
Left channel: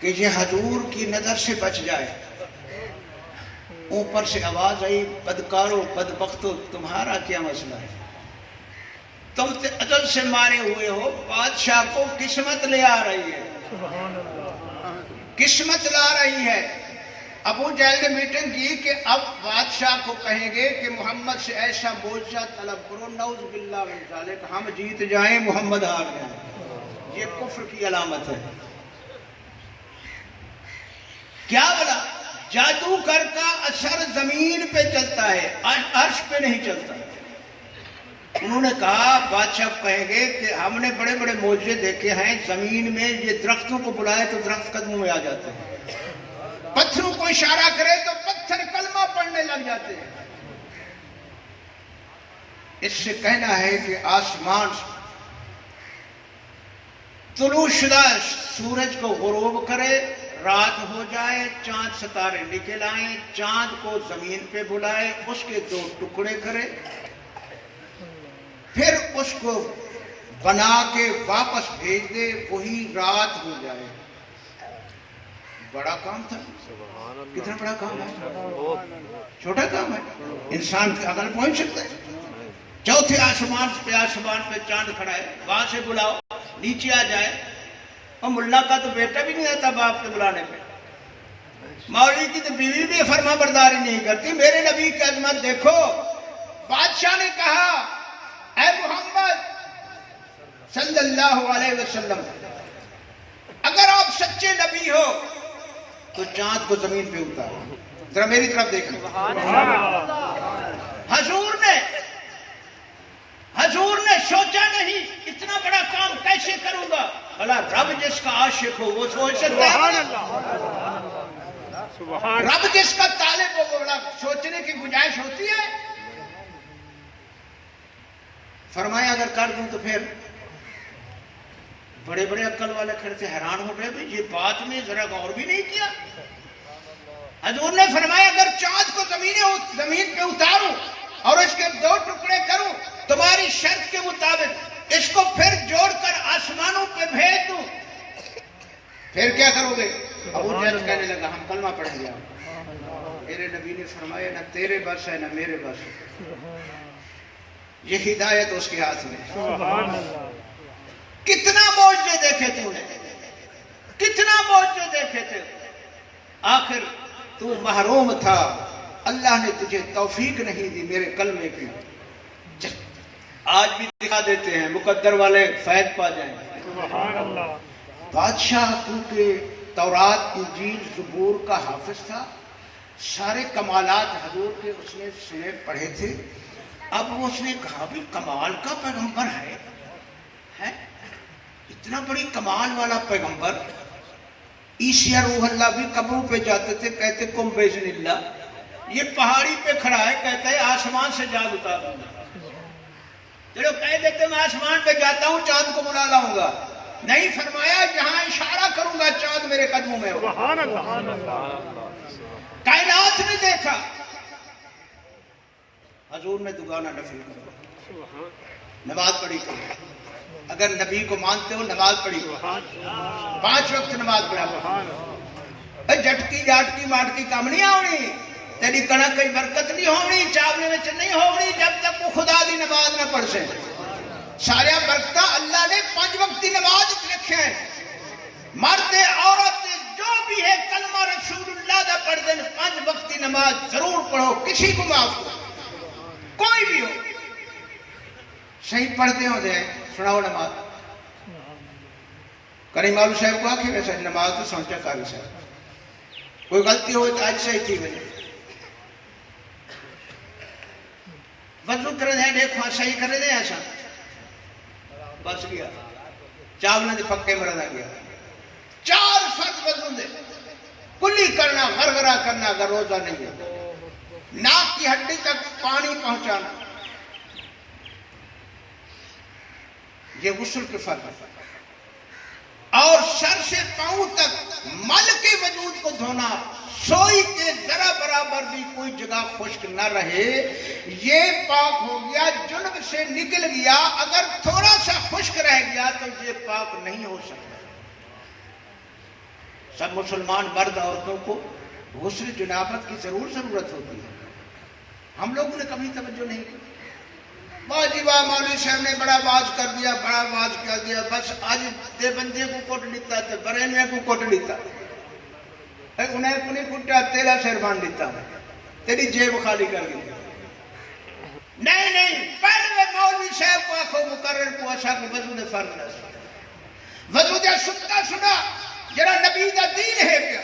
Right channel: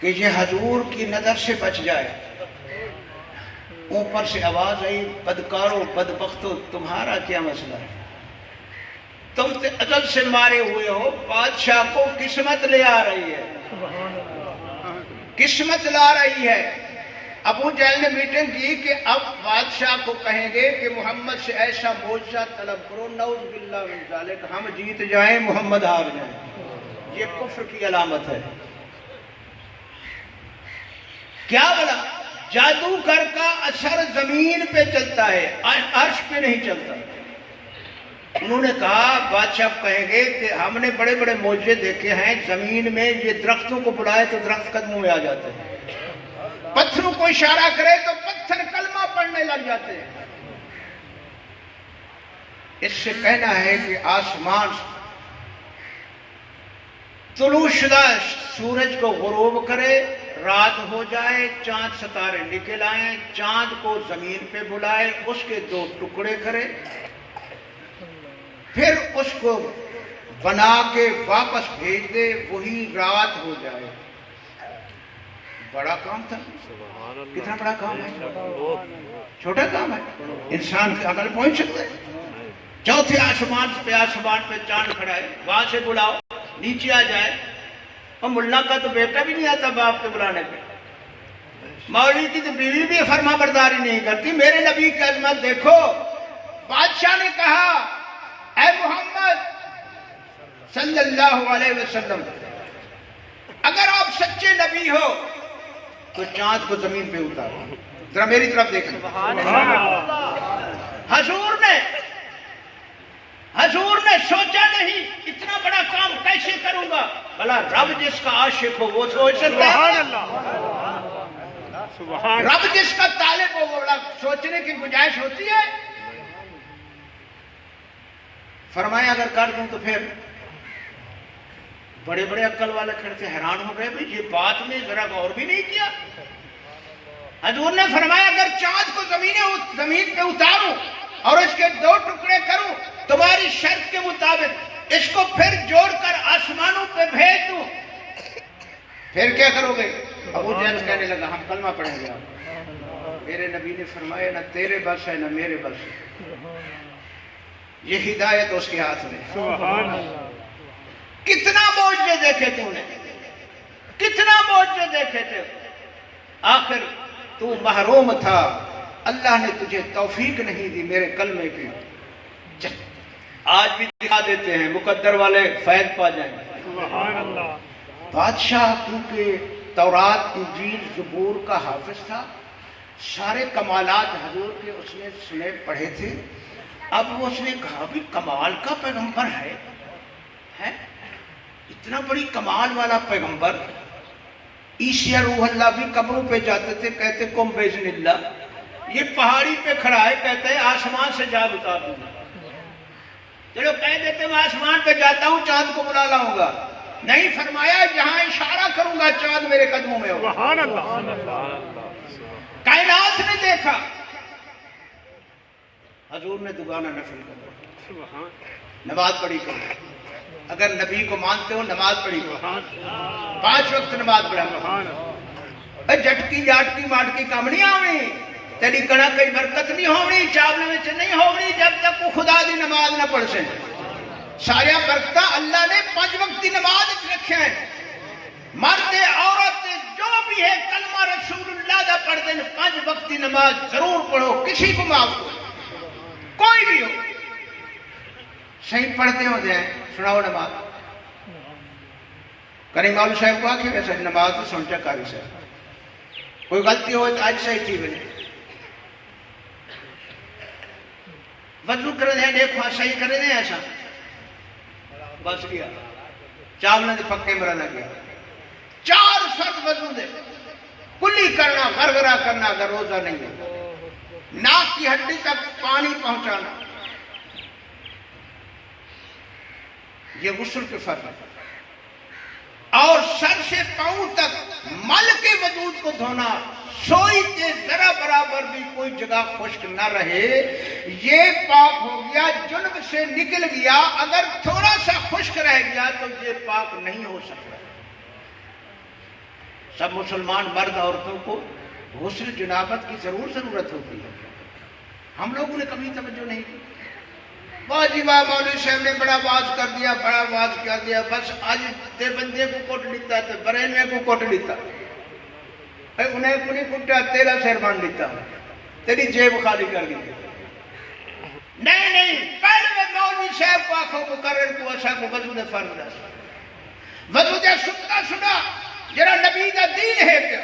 کہ یہ حضور کی نظر سے بچ جائے۔ اوپر سے آواز آئی بدکارو بدبختو تمہارا کیا مسئلہ ہے، تم اجل سے مارے ہوئے ہو، بادشاہ کو قسمت لے آ رہی ہے، قسمت لا رہی ہے۔ ابو جہل نے میٹنگ کی کہ اب بادشاہ کو کہیں گے کہ محمد سے ایسا معجزہ طلب کرو، نعوذ باللہ من ذالک، ہم جیت جائیں محمد ہار جائیں۔ یہ کفر کی علامت ہے۔ کیا بولا؟ جادوگر کا اثر زمین پہ چلتا ہے، عرش پہ نہیں چلتا۔ انہوں نے کہا بادشاہ کہیں گے کہ ہم نے بڑے بڑے معجزے دیکھے ہیں، زمین میں یہ درختوں کو بلائے تو درخت قدموں میں آ جاتے ہیں، پتھروں کو اشارہ کرے تو پتھر کلمہ پڑھنے لگ جاتے ہیں۔ اس سے کہنا ہے کہ آسمان طلوع شدہ سورج کو غروب کرے، رات ہو جائے، چاند ستارے نکل آئیں، چاند کو زمین پہ بلائے، اس کے 2 ٹکڑے کرے، پھر اس کو بنا کے واپس بھیج دے، وہی رات ہو جائے۔ بڑا کام تھا، کتنا بڑا کام ہے، چھوٹا کام ہے، انسان کی عقل پہنچ سکتا ہے۔ چوتھے آسمان پہ چاند کھڑا ہے، وہاں سے بلاؤ، نیچے آ جائے۔ اور ملا کا تو بیٹا بھی نہیں آتا باپ کے بلانے پہ، مولوی کی تو بیوی بھی فرما برداری نہیں کرتی۔ میرے نبی کی عظمت دیکھو، بادشاہ نے کہا اے محمد صلی اللہ علیہ وسلم، اگر آپ سچے نبی ہو تو چاند کو زمین پہ اتارو، ذرا میری طرف دیکھیں۔ حضور نے سوچا نہیں اتنا بڑا کام کیسے کروں گا، بھلا رب جس کا عاشق ہو وہ سوچ سکتا ہے؟ رب جس کا طالب ہو وہ بڑا سوچنے کی گنجائش ہوتی ہے؟ فرمایا اگر کر دوں تو پھر بڑے بڑے عقل والے کھڑے تھے، حیران ہو گئے، بھئی یہ بات میں ذرا غور بھی نہیں کیا۔ حضور نے فرمایا اگر چاند کو زمین پہ اتاروں اور اس کے 2 ٹکڑے کروں تمہاری شرط کے مطابق، اس کو پھر جوڑ کر آسمانوں پہ بھیج دوں، پھر کیا کرو گے؟ ابو جہل کہنے لگا ہم کلمہ پڑھیں گے۔ میرے نبی نے فرمایا نہ تیرے بس ہے نہ میرے بس ہے، یہ ہدایت اس کے ہاتھ میں۔ کتنا معجزے دیکھے تو نے، کتنا معجزے دیکھے تھے، آخر تو محروم تھا، اللہ نے تجھے توفیق نہیں دی میرے کلمے کی۔ آج بھی دکھا دیتے ہیں، مقدر والے فیض پا جائیں۔ بادشاہ کیونکہ تورات انجیل زبور کا حافظ تھا، سارے کمالات حضور کے اس نے سنے پڑھے تھے۔ اب اس نے کہا بھی کمال کا پیغمبر ہے، اتنا بڑی کمال والا پیغمبر۔ عیسی روح اللہ بھی قبروں پہ جاتے تھے، کہتے کم بیزن اللہ، یہ پہاڑی پہ کھڑا ہے، کہتا ہے آسمان سے جال اتار دوں گا۔ چلو کہہ دیتے میں آسمان پہ جاتا ہوں چاند کو بلا لاؤں گا، نہیں، فرمایا جہاں اشارہ کروں گا چاند میرے قدموں میں ہوگا۔ کائنات نے دیکھا، حضور نے دوگانہ نفل کرا، نماز پڑھی کرو، اگر نبی کو مانتے ہو نماز پڑھی کرو، 5 وقت نماز پڑھا، جٹکی جاٹکی ماٹکی کام نہیں آونی، تیری کڑک کئی برکت نہیں ہونی، چاولے میں نہیں ہونی جب تک وہ خدا دی نماز نہ پڑھ سے۔ سارے برکتہ اللہ نے 5 وقتی نماز رکھے ہیں، مرد عورت جو بھی ہے کلمہ رسول اللہ دا پڑھ دیں، 5 وقتی نماز ضرور پڑھو، کسی کو معاف کرو، کوئی بھی ہو، صحیح پڑھتے ہو جائیں، سناؤ نماز۔ کریم مولوی صاحب کو آکھے ویسے نماز تو سمجھا کاری صاحب، کوئی غلطی ہوئے تو آج صحیح تھی میں وضو کرے دیں، دیکھو صحیح کرے دیں، ایسا بس گیا، چاولنے دے پکے مرنا گیا۔ 4 فرض وضو دے، کلی کرنا، غرغرہ کرنا اگر روزہ نہیں ہے، ناک کی ہڈی تک پانی پہنچانا، یہ غسل کے فرض ہے، اور سر سے پاؤں تک مل کے وجود کو دھونا، سوئی کے ذرا برابر بھی کوئی جگہ خشک نہ رہے، یہ پاک ہو گیا، جنب سے نکل گیا، اگر تھوڑا سا خشک رہ گیا تو یہ پاک نہیں ہو سکتا۔ سب مسلمان مرد عورتوں کو غسل جنابت کی ضرورت ہوتی ہے، ہم لوگوں نے کبھی توجہ نہیں کی۔ جی واہ مولوی صاحب نے بڑا واز کر دیا، بڑا واز کر دیا، بس آج دے بندے کو کوٹ لیتا تو برینوے کو کوٹ لیتا، انہیں کو نہیں کٹیا، تیرا سر بان لیتا، تیری جیب خالی کر لیتا۔ نہیں، پہلے مولوی صاحب کو آنکھوں مقرر کو ایسا کو وضو دے فرض رہا، وضو دے ستا سنا جرا نبی دا دین ہے پیا،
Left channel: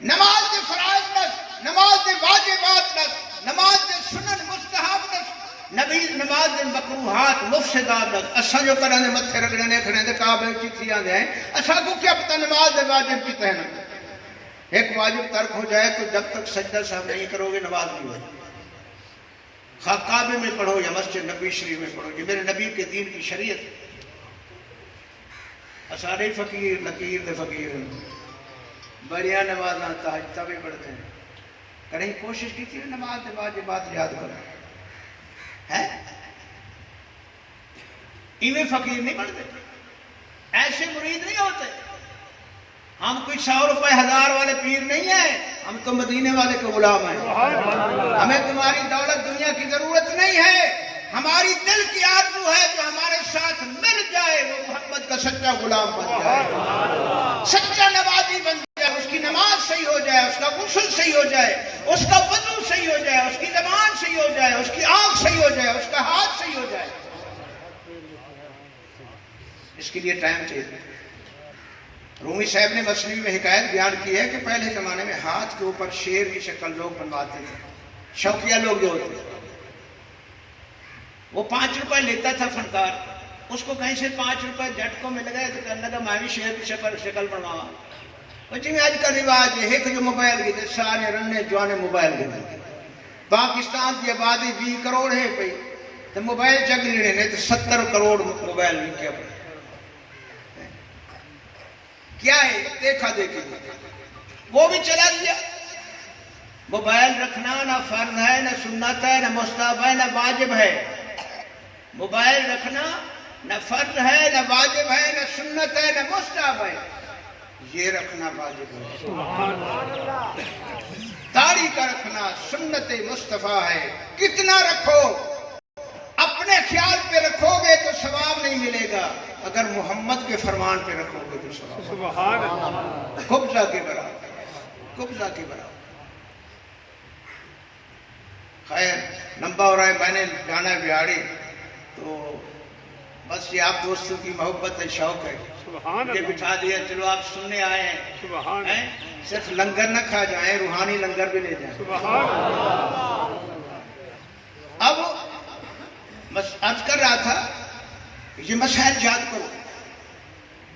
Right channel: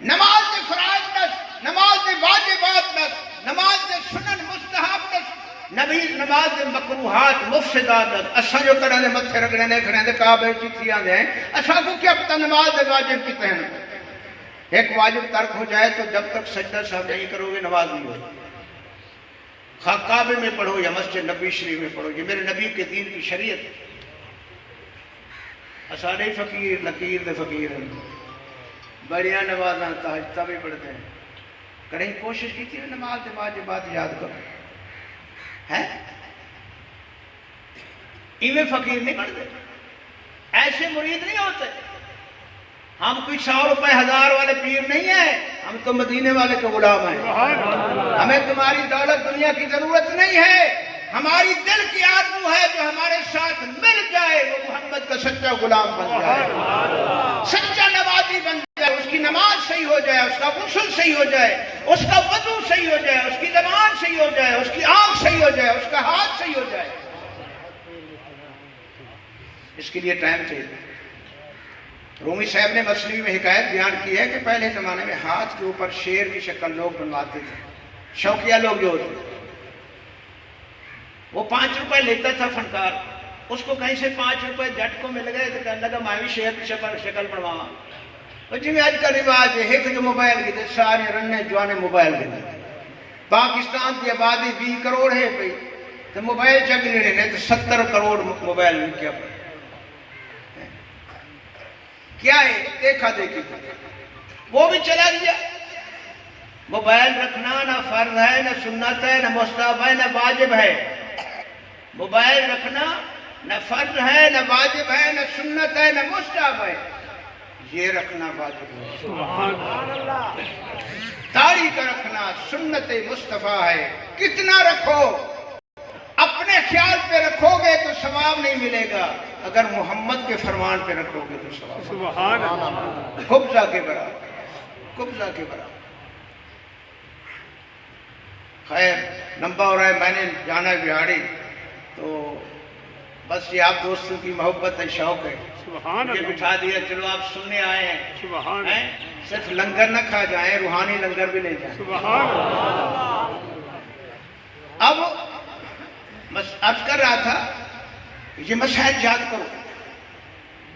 نماز دے فرائض نس، نماز دے واجبات نس، نماز دے سنن مستحب نس، نماز دے مکروہات مفسدات نس. اساں جو کرنے متھے رگڑے نے کھڑے دے کعبے چیتھی آندے ہیں، اساں کو کیا پتہ نماز دے واجب کتے ہیں. ایک واجب ترک ہو جائے تو جب تک سجدہ صاحب نہیں کرو گے نماز نہیں ہوگی. خواہ کعبے میں پڑھو یا مسجد نبی شریف میں پڑھو، یہ میرے نبی کے دین کی شریعت. اساڑے فقیر نکیر دے فقیر ہیں، بڑیاں نمازاں تہجد بھی پڑھتے ہیں. کریں کوشش کی تھی نماز دے واجبات یاد کرو ہے. ایویں فقیر نہیں بنتے، ایسے مرید نہیں ہوتے. ہم کوئی 100 روپے 1000 والے پیر نہیں ہیں، ہم تو مدینے والے کے غلام ہیں. ہمیں تمہاری دولت دنیا کی ضرورت نہیں ہے، ہماری دل کی آرزو ہے جو ہمارے ساتھ مل جائے وہ محمد کا سچا غلام بن جائے، سچا نمازی بن جائے، اس کی نماز صحیح ہو جائے، اس کا غسل صحیح ہو جائے، اس کا وضو صحیح ہو جائے، اس کی زبان صحیح ہو جائے، اس کی آنکھ صحیح ہو جائے، اس کا ہاتھ صحیح ہو جائے. اس کے لیے ٹائم چاہیے. رومی صاحب نے مسلم میں حکایت بیان کی ہے کہ پہلے زمانے میں ہاتھ کے اوپر شیر کی شکل لوگ بنواتے تھے، شوقیہ لوگ جو ہوتے تھے. وہ 5 روپے لیتا تھا فنکار، اس کو کہیں سے 5 روپے جھٹ کو مل گئے تو کہنے لگا میں بھی شیر کی شکل بنواؤں. جی میں آج کا رواج ہے کہ جو موبائل کے سارے رننے جوانے موبائل کے پاکستان کی آبادی 20 کروڑ ہے پہ تو موبائل چل رہے ہیں تو 70 کروڑ موبائل کیا پڑے. کیا ہے دیکھا دیکھی وہ بھی چلا گیا. موبائل رکھنا نہ فرض ہے نہ سنت ہے نہ مستحب ہے نہ واجب ہے. موبائل رکھنا نہ فرض ہے نہ واجب ہے نہ سنت ہے نہ مستحب ہے، یہ رکھنا واجب ہے. داڑھی کا رکھنا سنت مصطفیٰ ہے. کتنا رکھو، اپنے خیال پہ رکھو گے تو ثواب نہیں ملے گا، اگر محمد کے فرمان پہ رکھو گے تو ثواب. قبضہ کے برابر، قبضہ کے برابر. خیر لمبا ہو رہا ہے، میں نے جانا ہے بہاڑی، تو بس یہ آپ دوستوں کی محبت ہے، شوق ہے، یہ بٹھا دیا. چلو آپ سننے آئے ہیں، صرف لنگر نہ کھا جائیں، روحانی لنگر بھی لے جائیں. اب بس عرض کر رہا تھا یہ مسائل یاد کرو.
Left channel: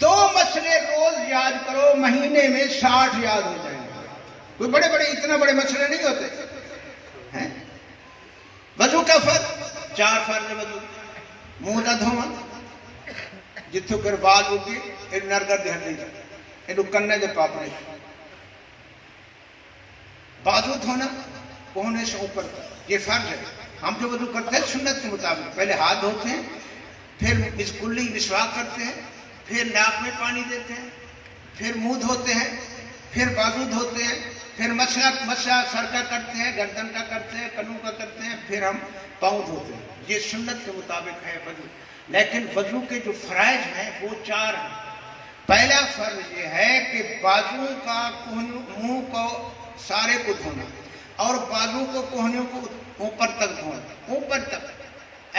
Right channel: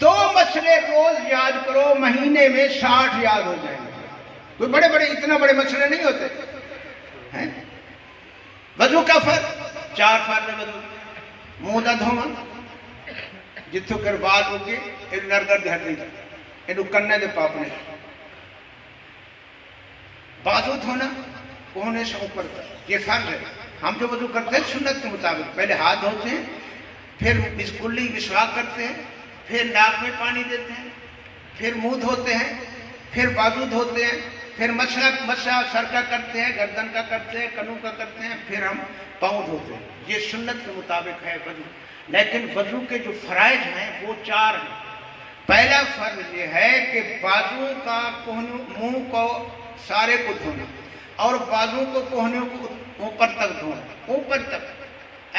2 مسئلے روز یاد کرو، مہینے میں 60 یاد ہو جائیں گے. کوئی بڑے بڑے اتنا بڑے مسئلے نہیں ہوتے ہیں. وضو کا فرض 4 فرض وضو. منہ نہ دھونا، جتوں کر بات ہوگی ایک نرگر دے ہٹنے جائے، ایک کنے دے پاپنے. بازو دھونا کوہنے سے اوپر، یہ فرض ہے. ہم جو وضو کرتے ہیں سنت کے مطابق پہلے ہاتھ دھوتے ہیں، پھر کلی مسواک کرتے ہیں، پھر ناک میں پانی دیتے ہیں، پھر منہ دھوتے ہیں، پھر بازو دھوتے ہیں، پھر مسا سر کا کرتے ہیں، گردن کا کرتے ہیں، کنوں کا کرتے ہیں، پھر ہم پاؤں دھوتے ہیں. یہ سنت کے مطابق ہے وضو. لیکن وضو کے جو فرائض ہیں وہ 4 ہیں. پہلا فرض یہ ہے کہ بازو کا منہ کو سارے کو دھونا، اور بازو کو کوہنوں کو اوپر تک دھونا، اوپر تک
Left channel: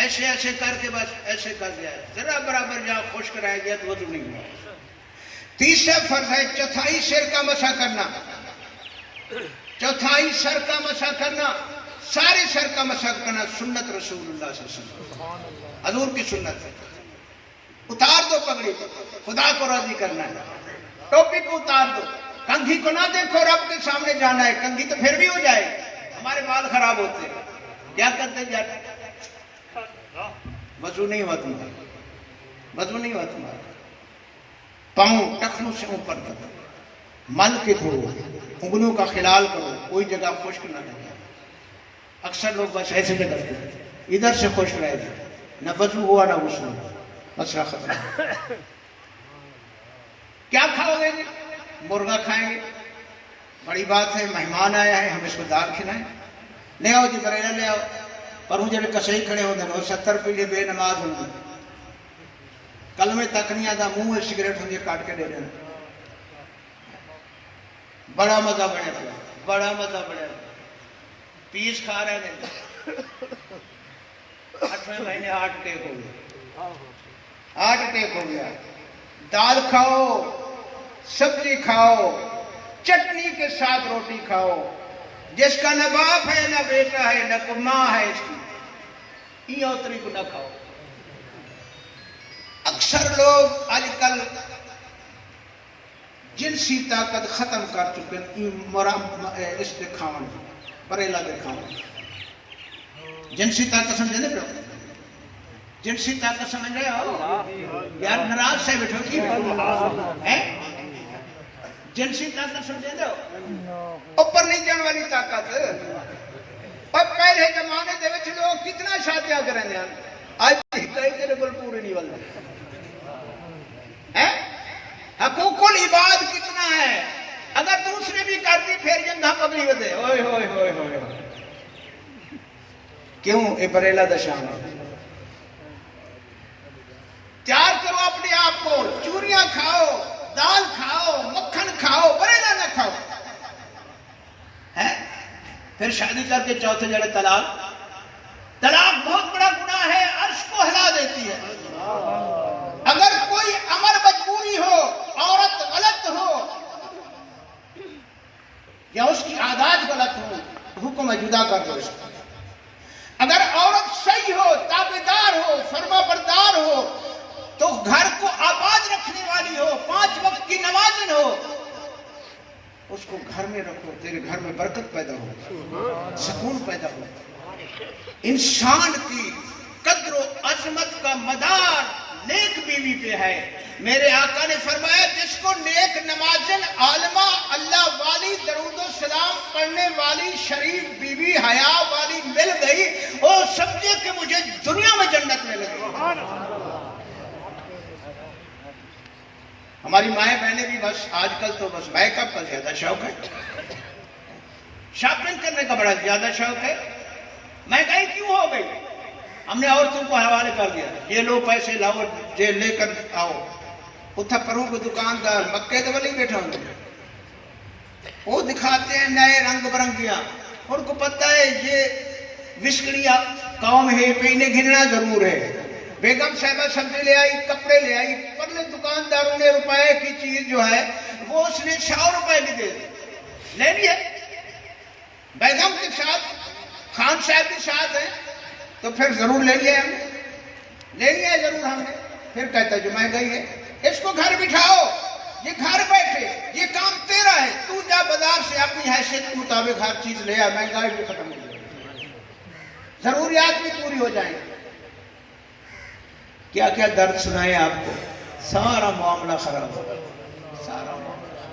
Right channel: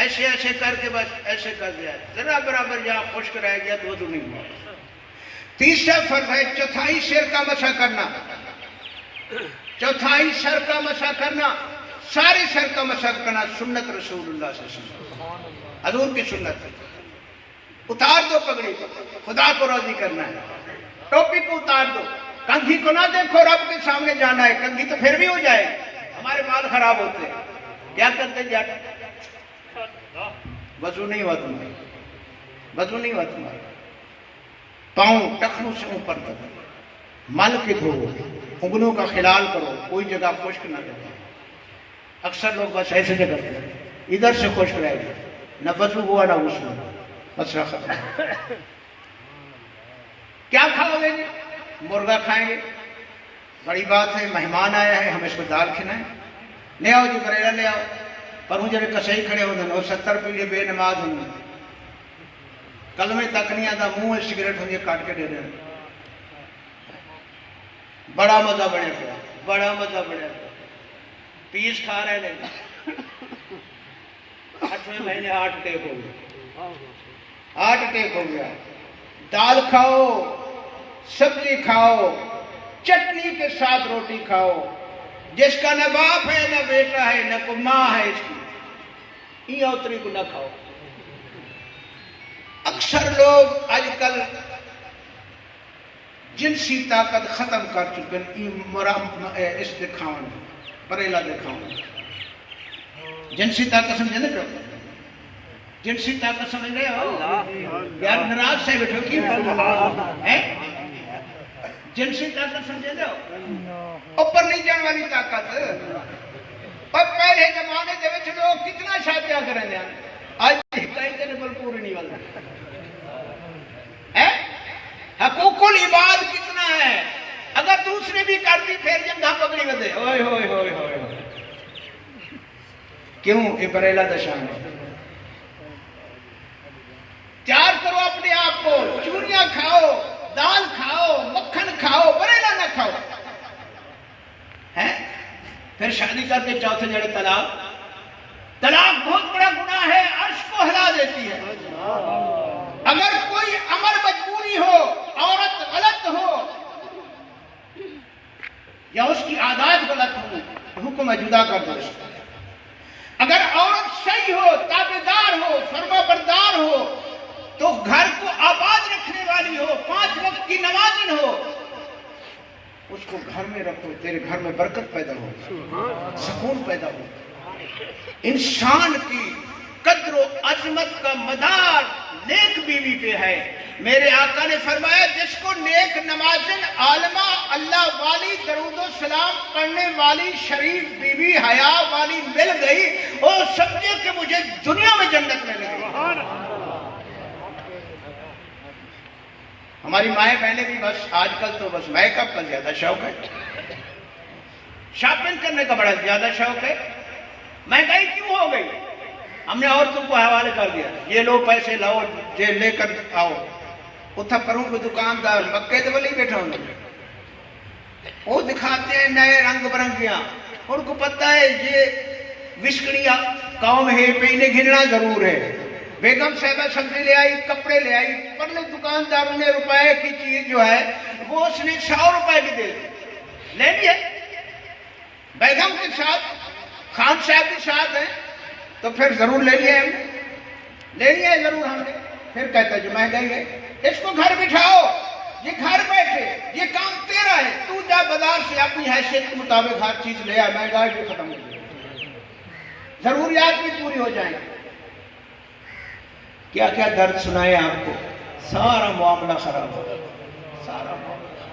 ایسے ایسے کر کے بس ایسے کر دیا. ذرا برابر جہاں خشک رہ گیا تو وضو نہیں ہوا. تیسرا فرض ہے چوتھائی سر کا مسح کرنا. چوتھائی سر کا مسح کرنا، سارے سر کا مسح کرنا سنت رسول اللہ صلی اللہ علیہ وسلم، حضور کی سنت ہے. اتار دو پگڑی، خدا کو راضی کرنا ہے. ٹوپی کو اتار دو، کنگھی کو نہ دیکھو، رب کے سامنے جانا ہے. کنگھی تو پھر بھی ہو جائے، ہمارے بال خراب ہوتے ہیں. کیا کرتے ہیں جاتے وضو نہیں ہوا تمہارا، وضو نہیں ہوا تمہارا. پاؤں ٹخنوں سے اوپر کرو، مل کے دھوؤ، انگلوں کا خلال کرو، کوئی جگہ خشک نہ رہے. اکثر لوگ بس ایسے سے کرتے ہیں، ادھر سے خشک رہے گا، نہ وضو ہوا نہ غسل ہوا، مسئلہ ختم. کیا کھاؤ گے؟ مرغا کھائیں گے، بڑی بات ہے. مہمان آیا ہے، ہم اس کو دال کھلائیں. لے آؤ جی بریلا لے آؤ. پر ہوں جڑے کسے کھڑے ہوتے ہیں اور 70 پیلے بے نماز ہوں گے، کلمے تک نہیں آتا، منہ سگریٹ ہوں گے کاٹ کے دے رہے ہیں. بڑا مزہ بڑھے گا، بڑا مزہ بڑھے گا. پیس کھا رہے ہیں، 8ویں مہینے ہارٹ اٹیک ہو گیا، ہارٹ اٹیک ہو گیا. دال کھاؤ، سبزی کھاؤ، چٹنی کے ساتھ روٹی کھاؤ، جس کا نہ باپ ہے نہ بیٹا ہے نہ کوئی ماں ہے اس کی، یہ اوتری کو نہ کھاؤ۔ اکثر لوگ آج کل جنسی طاقت ختم کر چکے ہیں، اس دے کھاؤں بریلا دے کھاؤں۔ جنسی طاقت سمجھے نا؟ جنسی طاقت سمجھ لے آؤ یار، ناراض سے بیٹھو کی جنسی طاقت سمجھے دو، اوپر نہیں جان والی طاقت۔ اور پہلے زمانے دے وچ لوگ کتنا شادیاں کریں دے، آج کئی تیرے پر پوری نہیں بنتے۔ حقوق العباد کتنا ہے، اگر دوسری بھی کرتی پھر جنگا پکڑی بدے، ہوئے ہوئے ہوئے ہوئے، کیوں؟ اے بریلا دشان ہے۔ تیار کرو اپنے آپ کو، چوریاں کھاؤ، دال کھاؤ، مکھن کھاؤ، بریلا نہ کھاؤ، پھر شادی کر کے چوتھے جڑے طلاق۔ طلاق بہت بڑا گناہ ہے، عرش کو ہلا دیتی ہے۔ اگر کوئی امر مجبوری ہو، عورت غلط ہو یا اس کی عادات غلط ہو، حکم ہے جدا کر دو اس کو۔ اگر عورت صحیح ہو، تابعدار ہو، فرما بردار ہو، تو گھر کو آباد رکھنے والی ہو، 5 وقت کی نمازن ہو، اس کو گھر میں رکھو، تیرے گھر میں برکت پیدا ہو، سکون پیدا ہو۔ انسان کی قدر و عظمت کا مدار نیک بیوی پہ ہے۔ میرے آقا نے فرمایا جس کو نیک نمازن، عالمہ، اللہ والی، درود و سلام پڑھنے والی، شریف بیوی، حیا والی مل گئی، وہ سمجھے کہ مجھے دنیا میں جنت مل گئی۔ ہماری مائیں بہنیں بھی بس آج کل تو بس میک اپ کا زیادہ شوق ہے، شاپنگ کرنے کا بڑا زیادہ شوق ہے۔ مہنگائی کیوں ہو گئی؟ ہم نے عورتوں کو حوالے کر دیا، یہ لو پیسے لاؤ، یہ لے کر آؤ۔ اتھا پروں کو دکاندار مکے دے والی بیٹھا ہوں گے، وہ دکھاتے ہیں نئے رنگ برنگیاں، ان کو پتہ ہے یہ وشکڑیا قوم ہے، پہ انہیں گھننا ضرور ہے۔ بیگم صاحبہ سبزی لے آئی، کپڑے لے آئی، پرلے دکانداروں نے روپے کی چیز جو ہے وہ اس نے 100 روپے کی دے دی، لے لیے۔ بیگم کے ساتھ خان صاحب کے ساتھ ہیں تو پھر ضرور لے لیے ہم نے، لے لیے ضرور ہم نے۔ پھر کہتا ہے جو مہنگائی ہے، اس کو گھر بٹھاؤ، یہ گھر بیٹھے، یہ کام تیرا ہے، تو جا بازار سے اپنی حیثیت کے مطابق ہر چیز لے آئے، مہنگائی بھی ختم ہو جائے، ضروریات بھی پوری ہو جائیں۔ کیا کیا درد سنائے آپ کو، سارا معاملہ خراب ہو، سارا معاملہ۔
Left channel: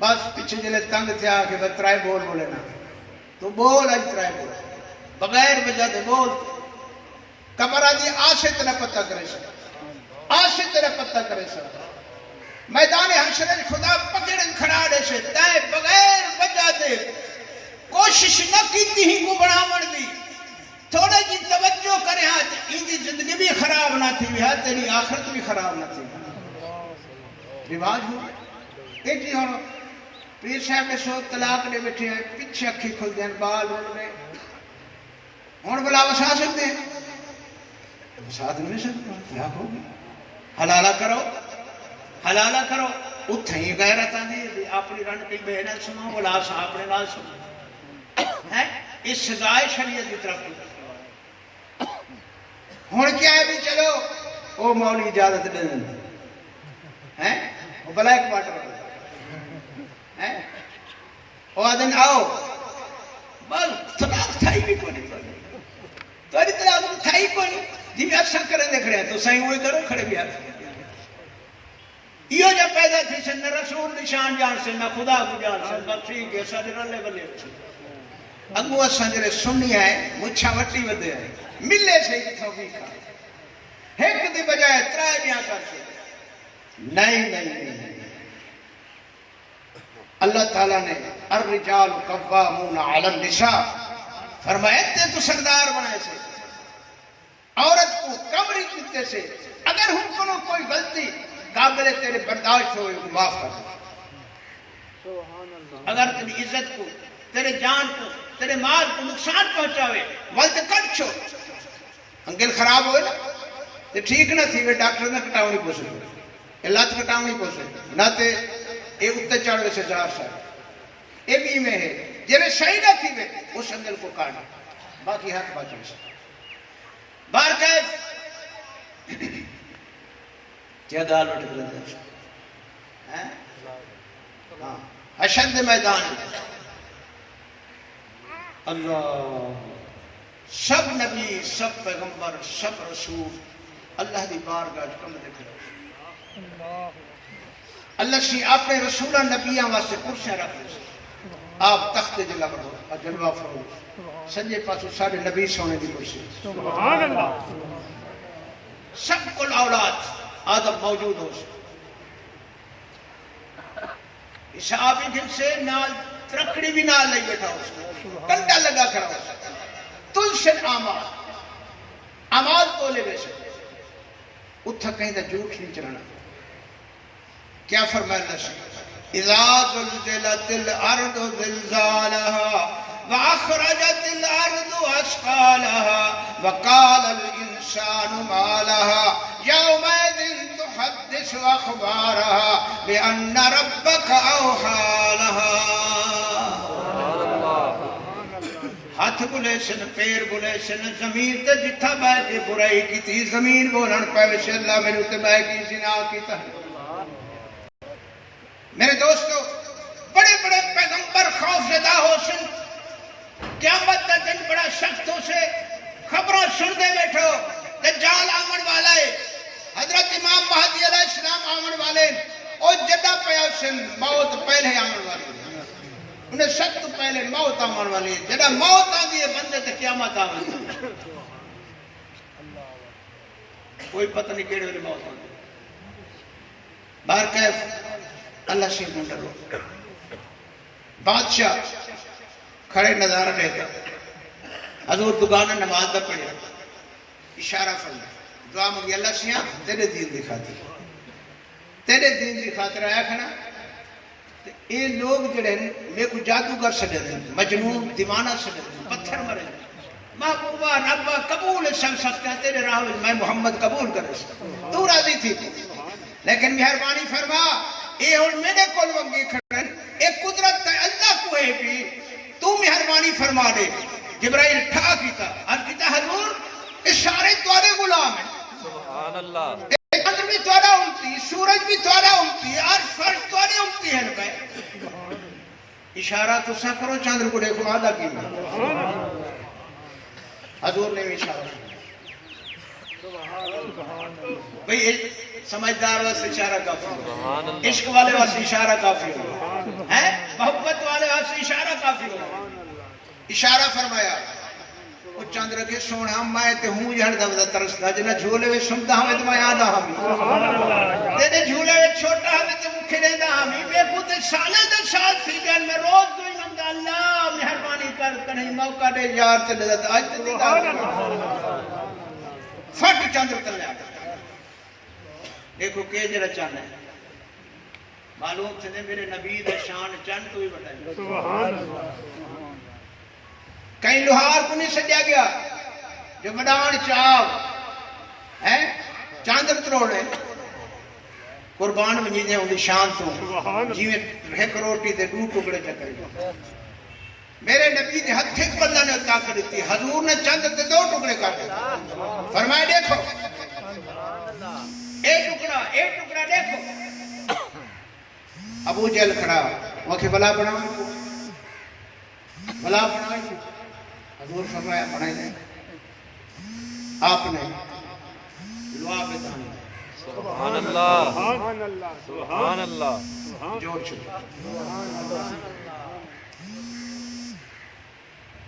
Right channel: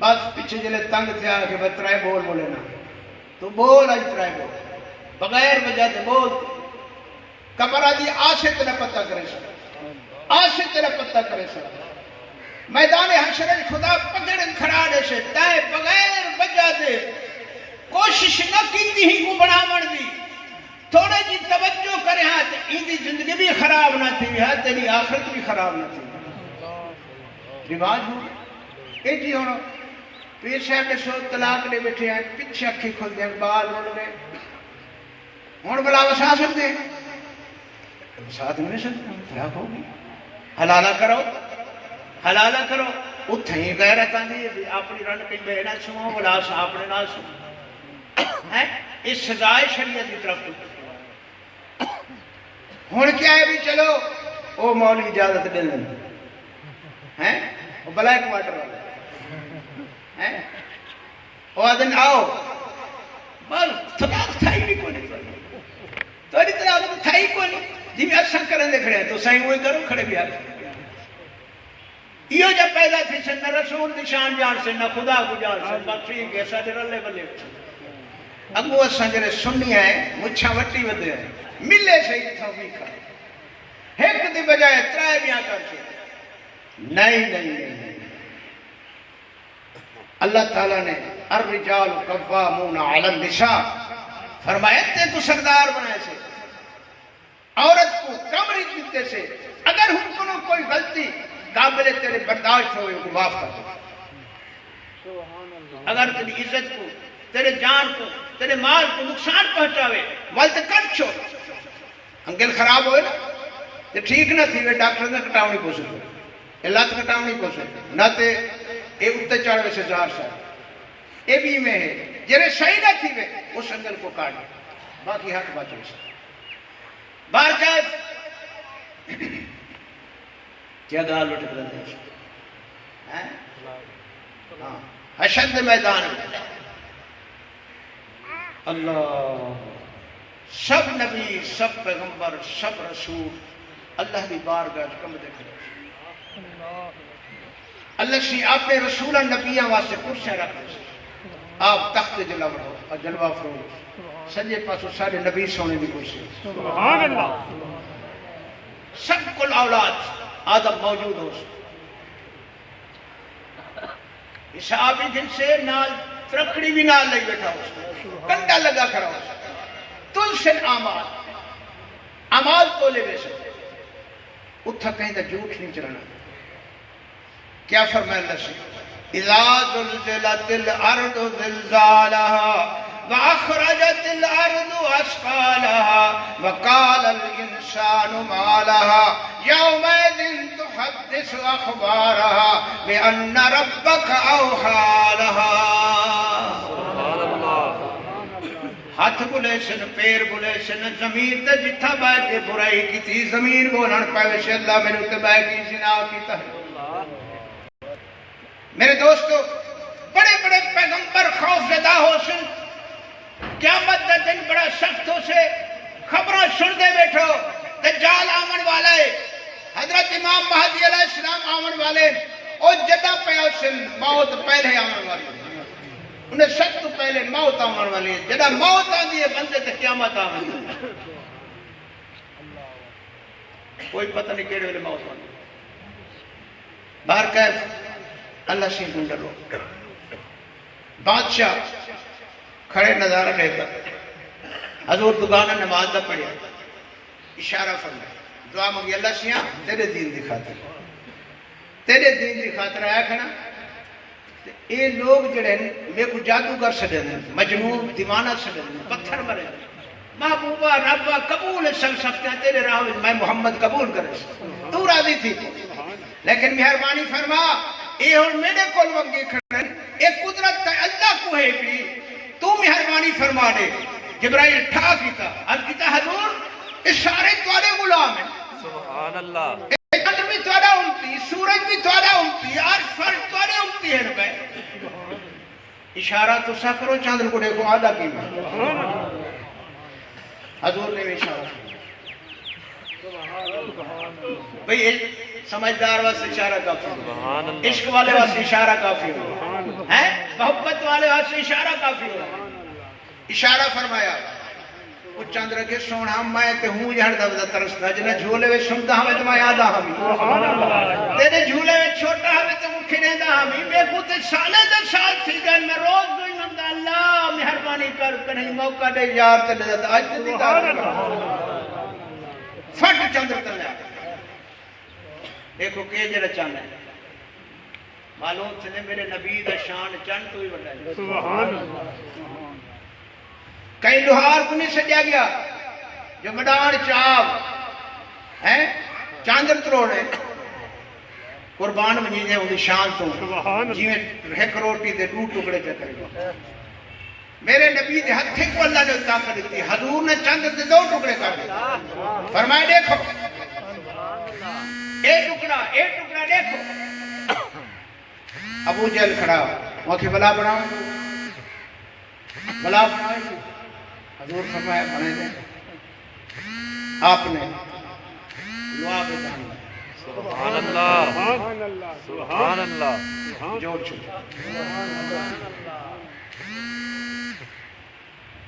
بس پیچھے جلے تنگ تھیا کہ بھائی ترائے بول بولے نا، تو بول آج ترائے بول، بغیر وجہ دے بول۔ کمرہ دی آسے تیرا پتہ کرے سکتا، آسے تیرا پتہ کرے سکتا، میدان حشر خدا پکڑن کھڑا دے سے تائے بغیر وجہ دے کوشش نہ کیتی ہی کو بڑا مر دی، تھوڑے جی توجہ کرے ہاں اندی زندگی بھی خراب نہ تھی، تیری آخرت بھی خراب نہ تھی۔ رواج ہو ایک ہی ہونا، پیر صاحب نے سو طلاق لے بیٹھے ہیں، پچھے اکھی کھل دیں، بال اڑ گئے، ہون بلا وسا سکتے ہیں، ساتھ میں سکتے ہیں، طلاق ہوگی، حلالہ کرو، حلالہ کرو۔ اتھیں ہی غیرت آندھی ہے، اپنی رن کی بے نہ سنو، بلا سا اپنے نہ سنو، اس سزائے شریعت کی طرف کو۔ ہون کیا ہے بھی چلو، او مولی اجازت دے دیں، وہ بلیک واٹر والے، وہ آدھن آؤ، بس طلاق تھائی بھی کوئی نہیں، تو اری طلاق تھائی کوئی نہیں، جی بھی اچھا کریں دے کھڑے ہیں تو صحیح ہوئی کرو، کھڑے بھی آئے۔ یہ جب پیدا تھی سے نہ رسول نشان جان سے، نہ خدا کو جان سے، نہ ٹھیک ہے سارے رلے بلے۔ اگو سنجرے سننی ہے، مچھا وٹی ودے ہیں، ملے صحیح توفیق ایک دی بجائے ترائے بیاں کر کے، نہیں نہیں نہیں۔ اللہ تعالیٰ نے الرجال قوامون علی النساء فرمایا تے تو سردار بنائے سے، عورت کو کمری کیتے سے، اگر ہم کو کوئی غلطی قابل تیرے برداشت ہوئے کو معاف کر دو، اگر تیری عزت کو، تیرے جان کو، تیرے مال کو نقصان پہنچاوے، والت کٹ چھو، انگل خراب ہوئے نا، تے ٹھیک نہ تھی، ڈاکٹر نے کٹاؤ نہیں پوچھ سکتے، علت کٹاؤ نہیں پوچھ سکتے، نہ تے اے اتنے چڑھ ویسے 1000 سال اے بھی میں ہے جنہیں صحیح نہ تھی وے اس انگل کو کاٹ باقی ہاتھ باقی سے بار کیف کیا گال اٹھ کر دے اشد میدان اللہ سب نبی سب پیغمبر سب رسول اللہ دی بارگاہ کم دیکھ رہے اللہ سی اپنے رسولہ نبیاں واسطے کرسیاں رکھ رہے آپ تخت جلا رہو اور جلوہ فروغ سنجے پاسو سارے نبی سونے بھی کرسی سب کل اولاد آدم موجود ہو صحابی دل سے نال ترکڑی بھی نال لئی بیٹھا ہو کنڈا لگا کھڑا ہو تل سے عمال تو لے ویسے اتھا کہیں دا جھوٹ نہیں چلانا کیا فرمائے اللہ سے اذا زلزلت الارض زلزالها واخرجت الارض اثقالها وقال الانسان ما لها يومئذ تحدث اخبارها بان ربك اوحى لها سبحان اللہ ہاتھ بلے سن پیر بلے سن زمین تے جتھا بیٹھ کے برائی کی تھی زمین بولن پہ ویسے اللہ میرے اتنے بیٹھ کی زنا کیتا ہے میرے دوستو بڑے بڑے پیغمبر خوف زدہ ہو سن قیامت دا دن بڑا سخت ہو سے خبروں سن دے بیٹھو دجال آمن والے حضرت امام مہدی علیہ السلام آمن والے اور جدہ پہ سن موت پہلے آمن والے انہیں سب تو پہلے موت آمن والی ہے جدہ موت آدھی ہے بندے تو قیامت آمن کوئی پتہ نہیں کیڑے والے موت آمن باہر کیف اللہ سے ڈھونڈ لو بادشاہ کھڑے نظارہ لے کر حضور دگانہ نماز دا پڑھیا اشارہ فرمایا دعا مانگی اللہ سے تیرے دین دکھاتے تیرے دین دکھاتے رہا کھنا یہ لوگ جڑے میں کو جادوگر سڑے دیں مجنون دیوانہ سڑے دیں پتھر مرے محبوبہ ربہ قبول سن سکتے ہیں تیرے راہ میں محمد قبول کرے تو راضی تھی لیکن مہربانی فرما اے اور میرے کول وگی کھڑن اے قدرت تا اللہ کو ہے بھی تو مہربانی فرما دے جبرائیل ٹھا کیتا اب کیتا حضور اس سارے توارے غلام ہیں سبحان اللہ چندر بھی توارا امتی سورج بھی توارا امتی اور فرش توارے امتی ہے نبے اشارہ تو سا کرو چندر کو دیکھو آدھا کی حضور نے اشارہ بھئی سمجھدار واسطے اشارہ کافی ہو عشق والے واسطے اشارہ کافی ہو محبت والے واسطے اشارہ کافی ہو اشارہ فرمایا وہ چند رکھے سونا میں تے ہوں جہاں دا ترستا جنہ جھولے وے سمدہ ہمیں تو میں آدھا ہمیں تیرے جھولے وے چھوٹا ہمیں تو مکھے دیندہ ہمیں میں پوتے سالے در سال تھی جان میں روز دوئی مندہ اللہ مہربانی کر کنہیں موقع دے یار چلے جاتا آج تے دیکھا فٹ چندر تلے آتا دیکھو کہ جڑا چاند ہے معلوم سے میرے نبی دا شان چند تو ہی بڑھا ہے کہیں لوہار کو نہیں سجا گیا جو مدان چاو چاندر تروڑے قربان منجیدے ہوں دی شان تو جیویں ایک روٹی دے 2 ٹکڑے پہ کرے میرے نبی دے ہتھے کو اللہ نے طاقت دیتی حضور نے چاندر دے 2 ٹکڑے کر دے فرمائے دیکھو ایک ٹکڑا دیکھو ابو جہل کھڑا وہاں کی بلا بناؤں حضور فرمایا بنائے دیں آپ نے لعاب دہن سبحان اللہ سبحان اللہ جوڑ چھو